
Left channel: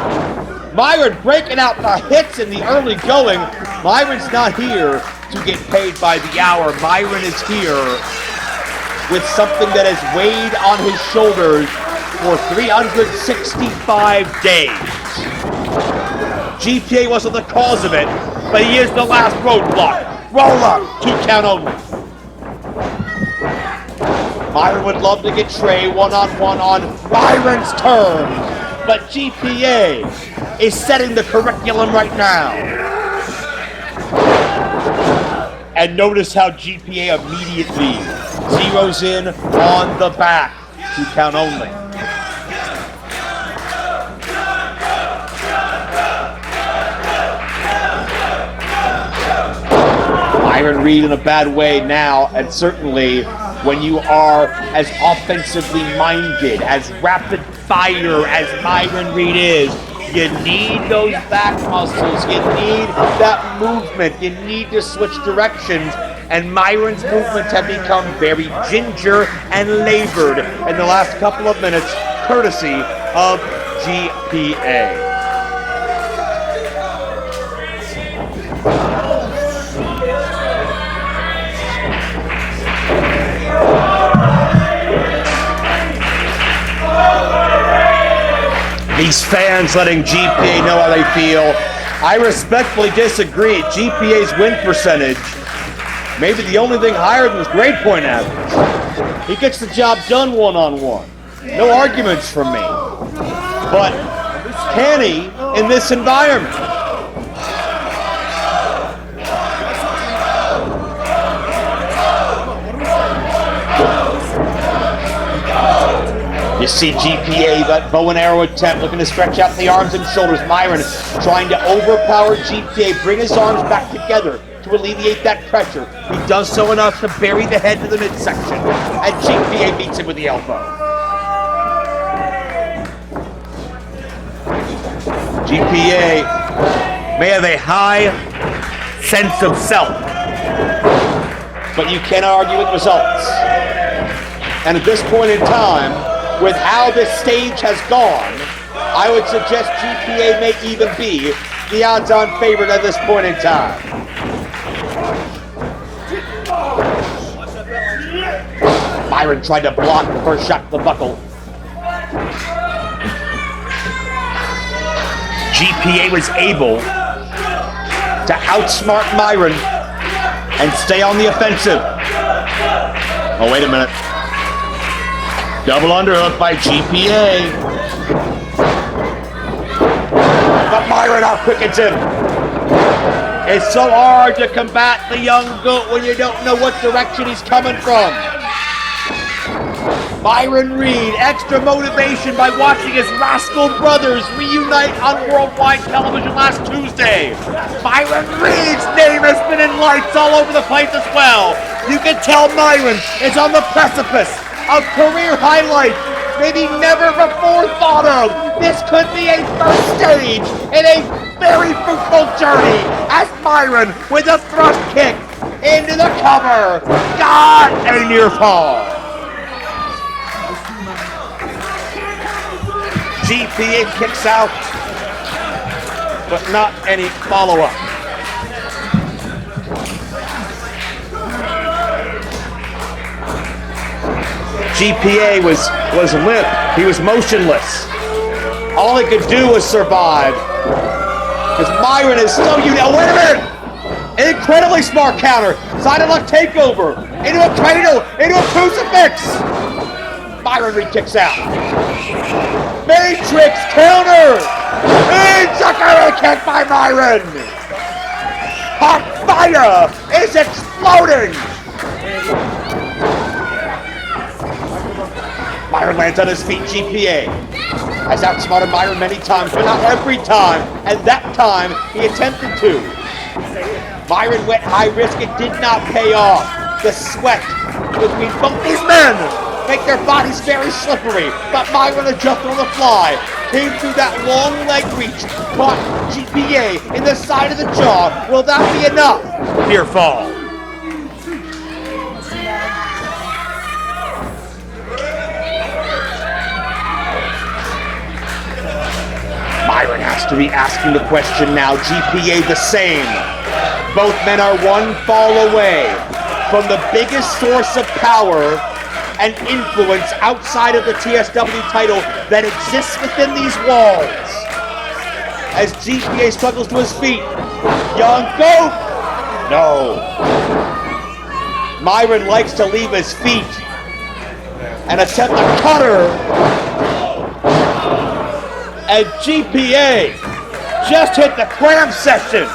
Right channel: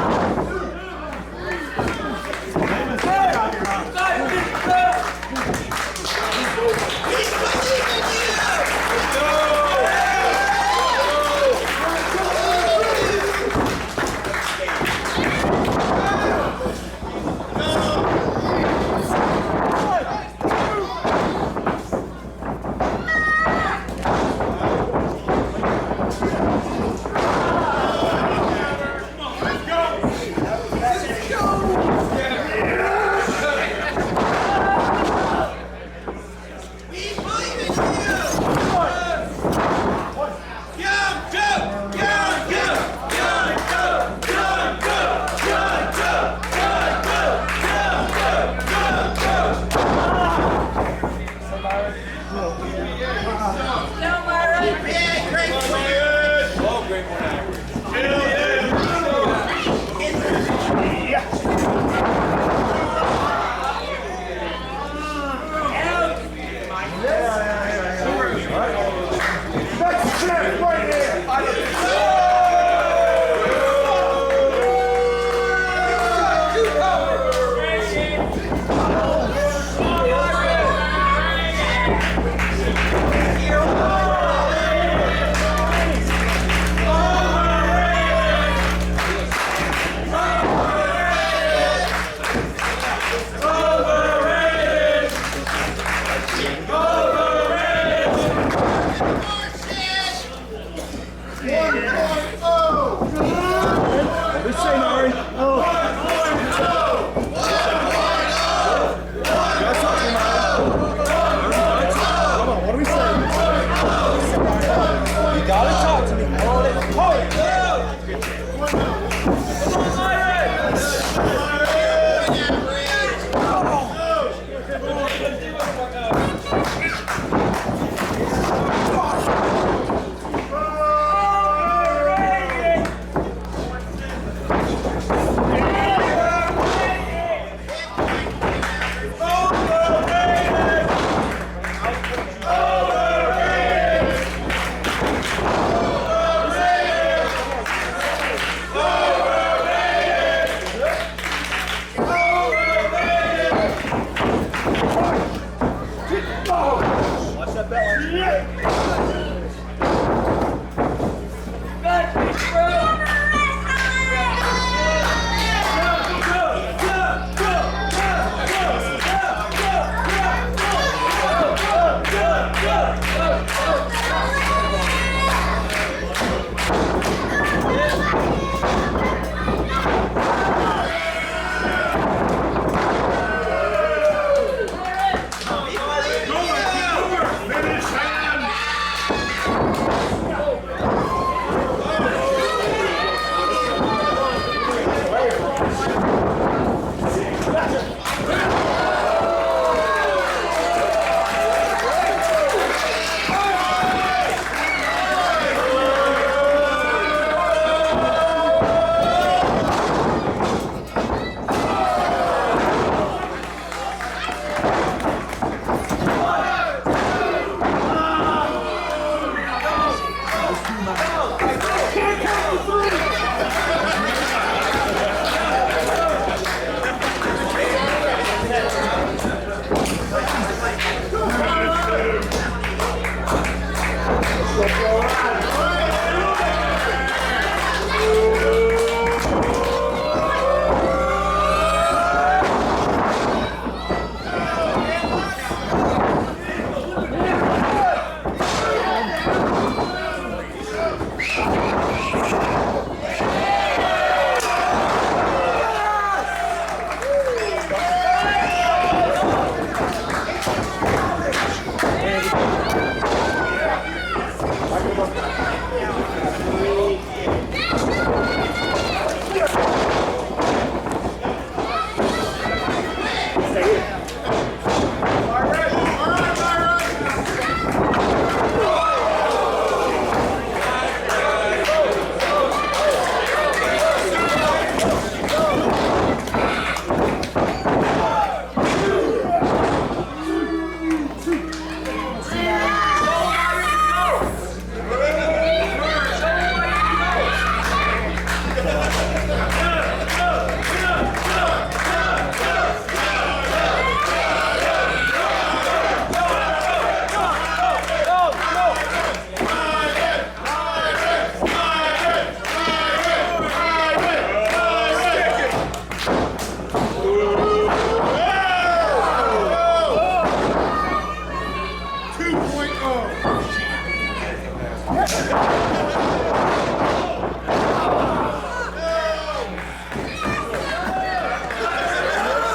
Myron breaking out the hits in the early going. Myron's not here to get paid by the hour. Myron is here with something that has weighed on his shoulders for 365 days. GPA wasn't the cause of it, but he is the last roadblock. Roll up, 2 count only. Myron would love to get Trey one-on-one on Myron's turn, but GPA is setting the curriculum right now. And notice how GPA immediately zeroes in on the back. 2 count only. Myron Reed in a bad way now, and certainly when you are as offensively minded, as rapid fire as Myron Reed is, you need those back muscles, you need that movement, you need to switch directions, and Myron's movements have become very ginger and labored in the last couple of minutes, courtesy of GPA. These fans letting GPA know how they feel. I respectfully disagree. GPA's win percentage, maybe the only thing higher than his grade point average. He gets the job done one-on-one. No arguments from me. But can he in this environment? You see GPA, that bow and arrow attempt, looking to stretch out the arms and shoulders. Myron trying to overpower GPA, bring his arms back together to alleviate that pressure. He does so enough to bury the head to the midsection, and GPA meets him with the elbow. GPA may have a high sense of self, but you cannot argue with results. And at this point in time, with how this stage has gone, I would suggest GPA may even be the odds-on favorite at this point in time. Myron tried to block the first shot to the buckle. GPA was able to outsmart Myron and stay on the offensive. Oh, wait a minute. Double underhook by GPA. But Myron outquickens him. It's so hard to combat the young goat when you don't know what direction he's coming from. Myron Reed, extra motivation by watching his rascal brothers reunite on worldwide television last Tuesday. Myron Reed's name has been in lights all over the place as well. You can tell Myron is on the precipice of career highlights, maybe never before thought of. This could be a first stage in a very fruitful journey as Myron with a front kick into the cover. God, a near fall. GPA kicks out, but not any follow-up. GPA was limp. He was motionless. All he could do was survive. Because Myron is still, wait a minute! An incredibly smart counter. Side of luck takeover. Into a cradle. Into a crucifix. Myron kicks out. Matrix counter. Chucker kick by Myron. Hot fire is exploding. Myron lands on his feet. GPA has outsmarted Myron many times, but not every time. And that time, he attempted to. Myron went high risk. It did not pay off. The sweat between both these men make their bodies very slippery. Got Myron to jump on the fly. Into that long leg reach. Caught GPA in the side of the jaw. Will that be enough? Near fall. Myron has to be asking the question now. GPA the same. Both men are one fall away from the biggest source of power and influence outside of the TSW title that exists within these walls. As GPA struggles to his feet. Young goat! No. Myron likes to leave his feet and attempt a cutter. And GPA just hit the cram section.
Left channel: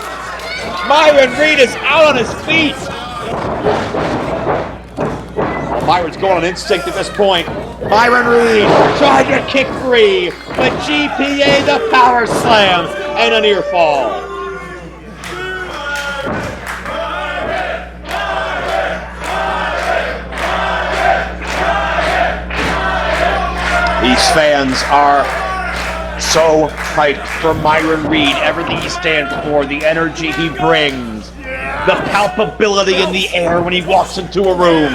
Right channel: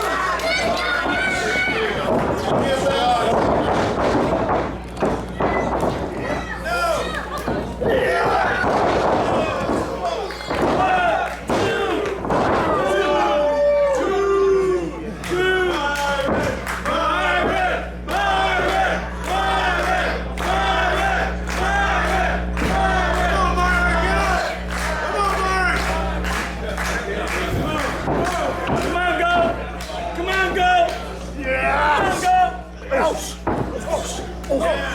Myron Reed is out on his feet. Myron's going on instinct at this point. Myron Reed trying to kick free, but GPA the power slams and a near fall. fans are so hyped for Myron Reed. Everything he stands for, the energy he brings, the palpability in the air when he walks into a room.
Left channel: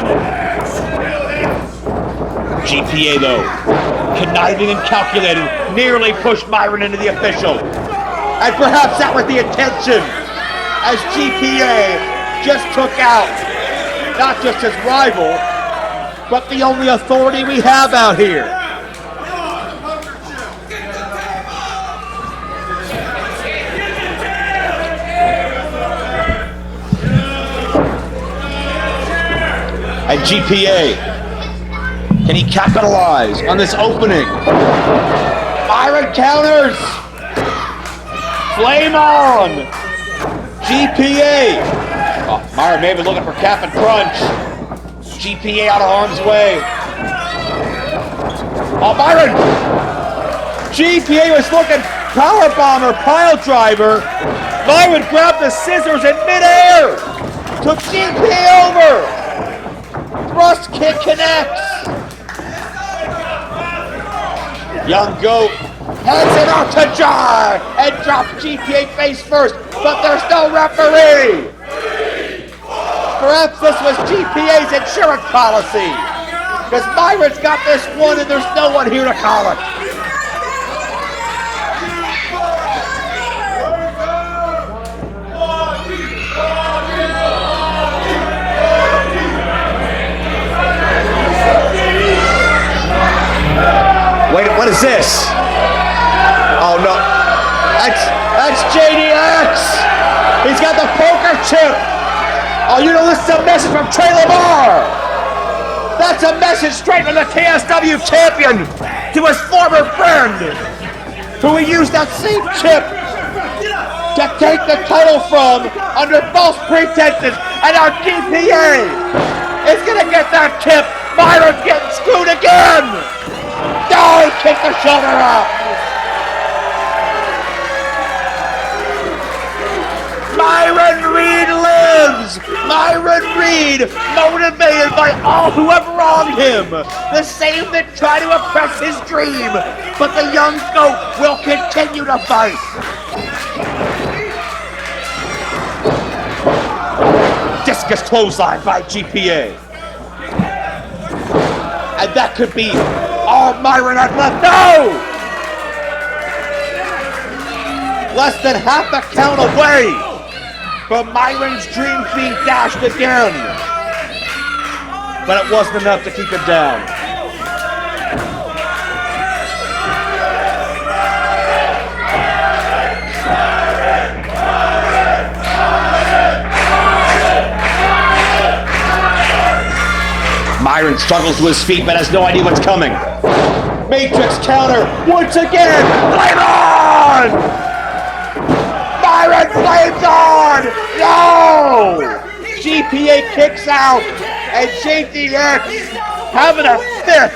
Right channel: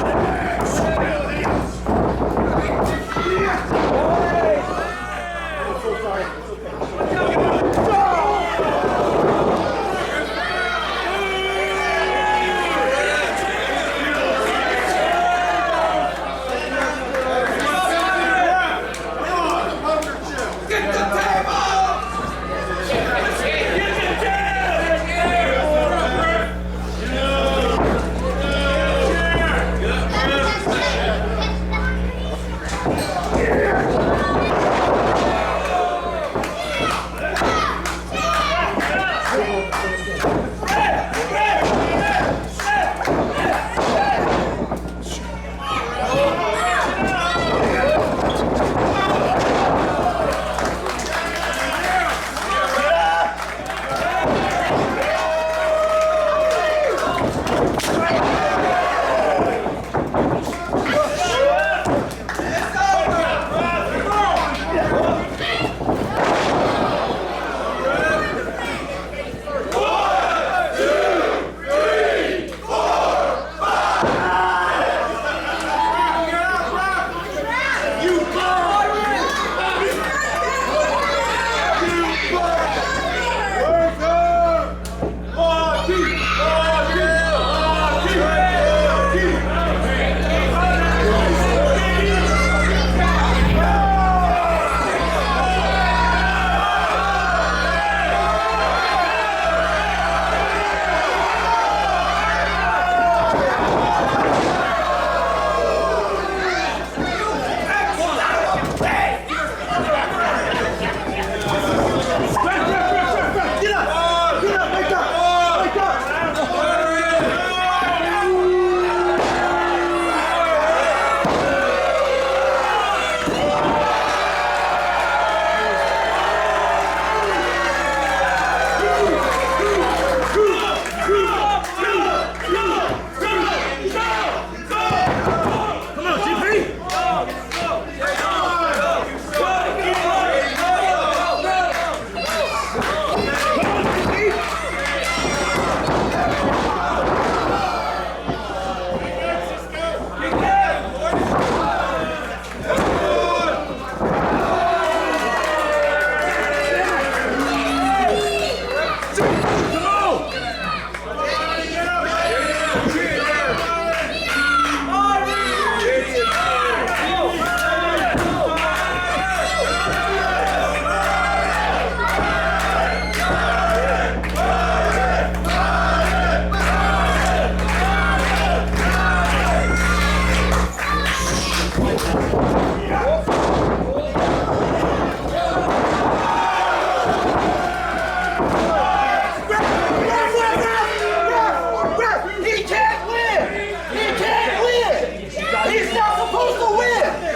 GPA, though, conniving and calculating, nearly pushed Myron into the official. And perhaps that was the intention, as GPA just took out not just his rival, but the only authority we have out here. And GPA, can he capitalize on this opening? Myron counters. Flame on. GPA. Oh, Myron maybe looking for cap and crunch. GPA out of harm's way. Oh, Myron. GPA was looking power bomb or pile driver. Myron grabbed the scissors in midair. Took GPA over. Rust kick connects. Young Goat heads it out to jar and drops GPA face first, but there's no referee. Perhaps this was GPA's insurance policy, because Myron's got this one and there's no one here to call it. Wait, what is this? Oh no, that's JDX. He's got the poker chip. Oh, you know, this is a message from Taylor Barr. That's a message straight from the TSW champion to his former friend, who he used that same chip to take the title from under false pretenses, and our GPA is gonna get that tip. Myron gets screwed again. No, kick the shoulder up. Myron Reed lives. Myron Reed, motivated by all who have wronged him. The same that try to oppress his dream, but the young goat will continue to fight. Discus clothesline by GPA. And that could be all Myron has left. No! Less than half a count away from Myron's dream being dashed again. But it wasn't enough to keep him down. Myron struggles to his feet, but has no idea what's coming. Matrix counter once again. Flame on! Myron flames on! No! GPA kicks out, and JDX having a fit.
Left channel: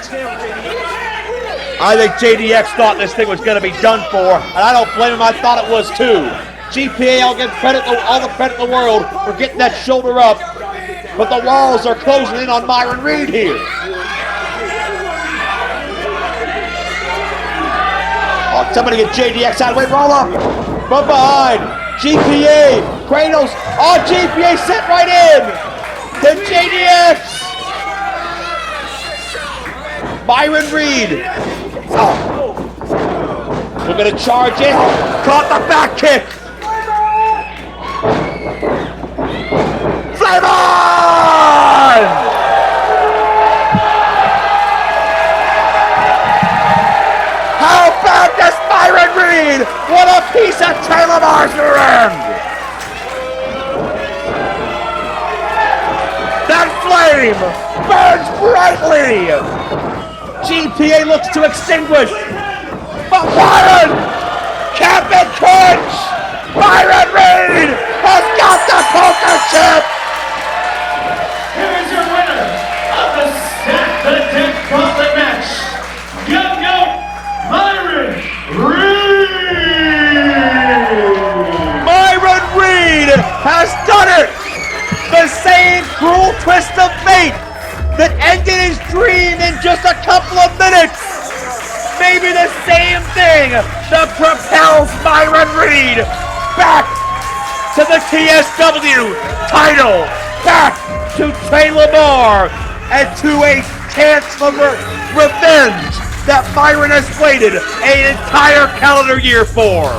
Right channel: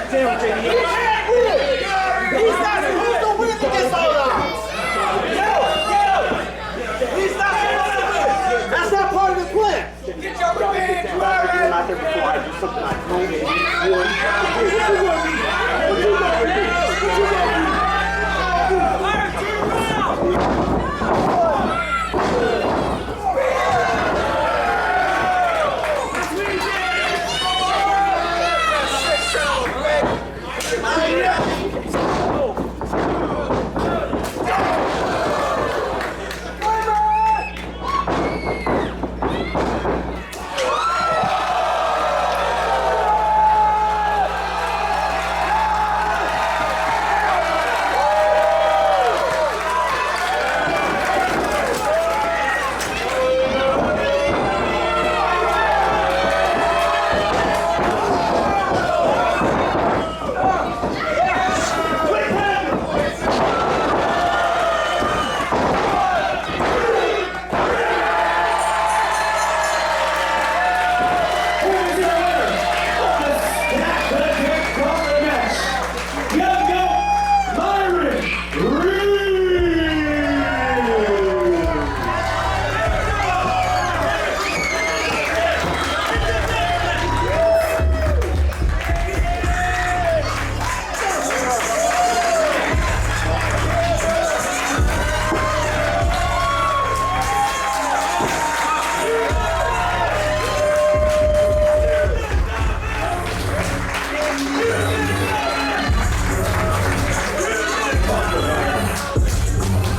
I think JDX thought this thing was going to be done for, and I don't blame him. I thought it was too. GPA, all the credit in the world for getting that shoulder up, but the walls are closing in on Myron Reed here. Oh, somebody get JDX out of the way, roll up from behind. GPA, Kratos, oh, GPA set right in. Then JDX. Myron Reed. Oh. We're gonna charge it. Caught the back kick. Flame on! How bad does Myron Reed? What a piece of Taylor Marjoram! That flame burns brightly! GPA looks to extinguish. But Myron! Captain Punch! Myron Reed has got the poker chip! Here's your winner of the Snap-a-Dick Profit match, Young Goat, Myron Reed! Myron Reed has done it! The same cruel twist of fate that ended his dream in just a couple of minutes back to the TSW title, back to Kayla and to a chance for revenge that Myron has waited an entire calendar year for.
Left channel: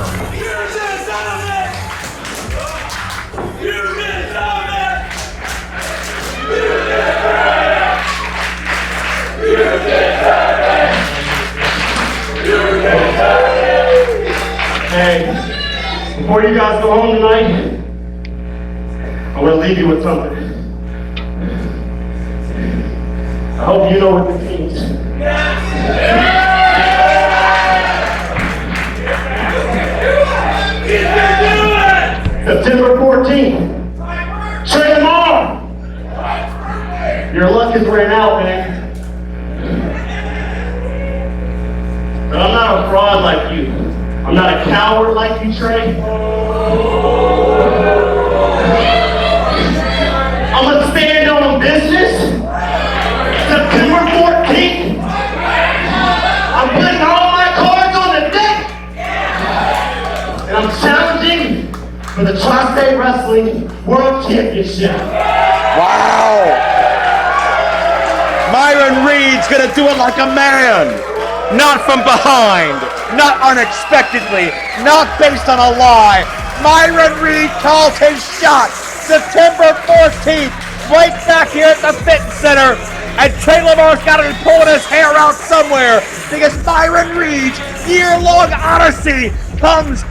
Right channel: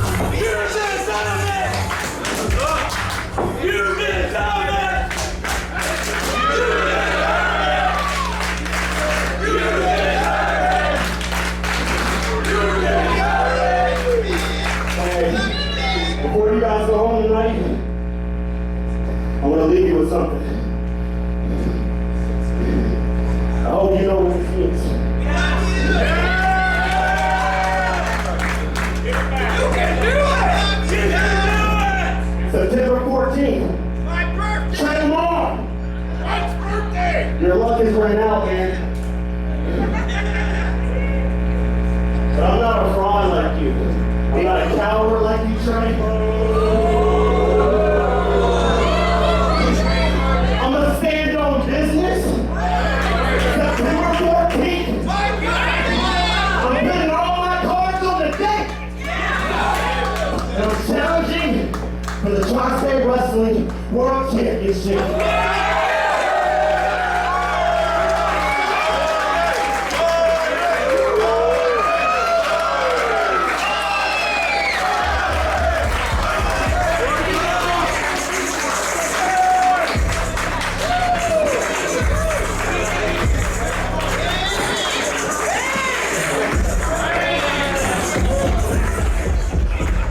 Hey, before you guys go home tonight, I want to leave you with something. I hope you know what it means. September 14th. Train them on. Your luck is ran out, man. But I'm not a fraud like you. I'm not a coward like you, Trey. I'm gonna stand on business. September 14th. I'm putting all my cards on the deck. And I'm challenging for the Tri-State Wrestling World Championship. Wow! Myron Reed's gonna do it like a man. Not from behind, not unexpectedly, not based on a lie. Myron Reed calls his shot. September 14th, right back here at the Fitton Center. And Kayla got to pull his hair out somewhere because Myron Reed's year-long odyssey comes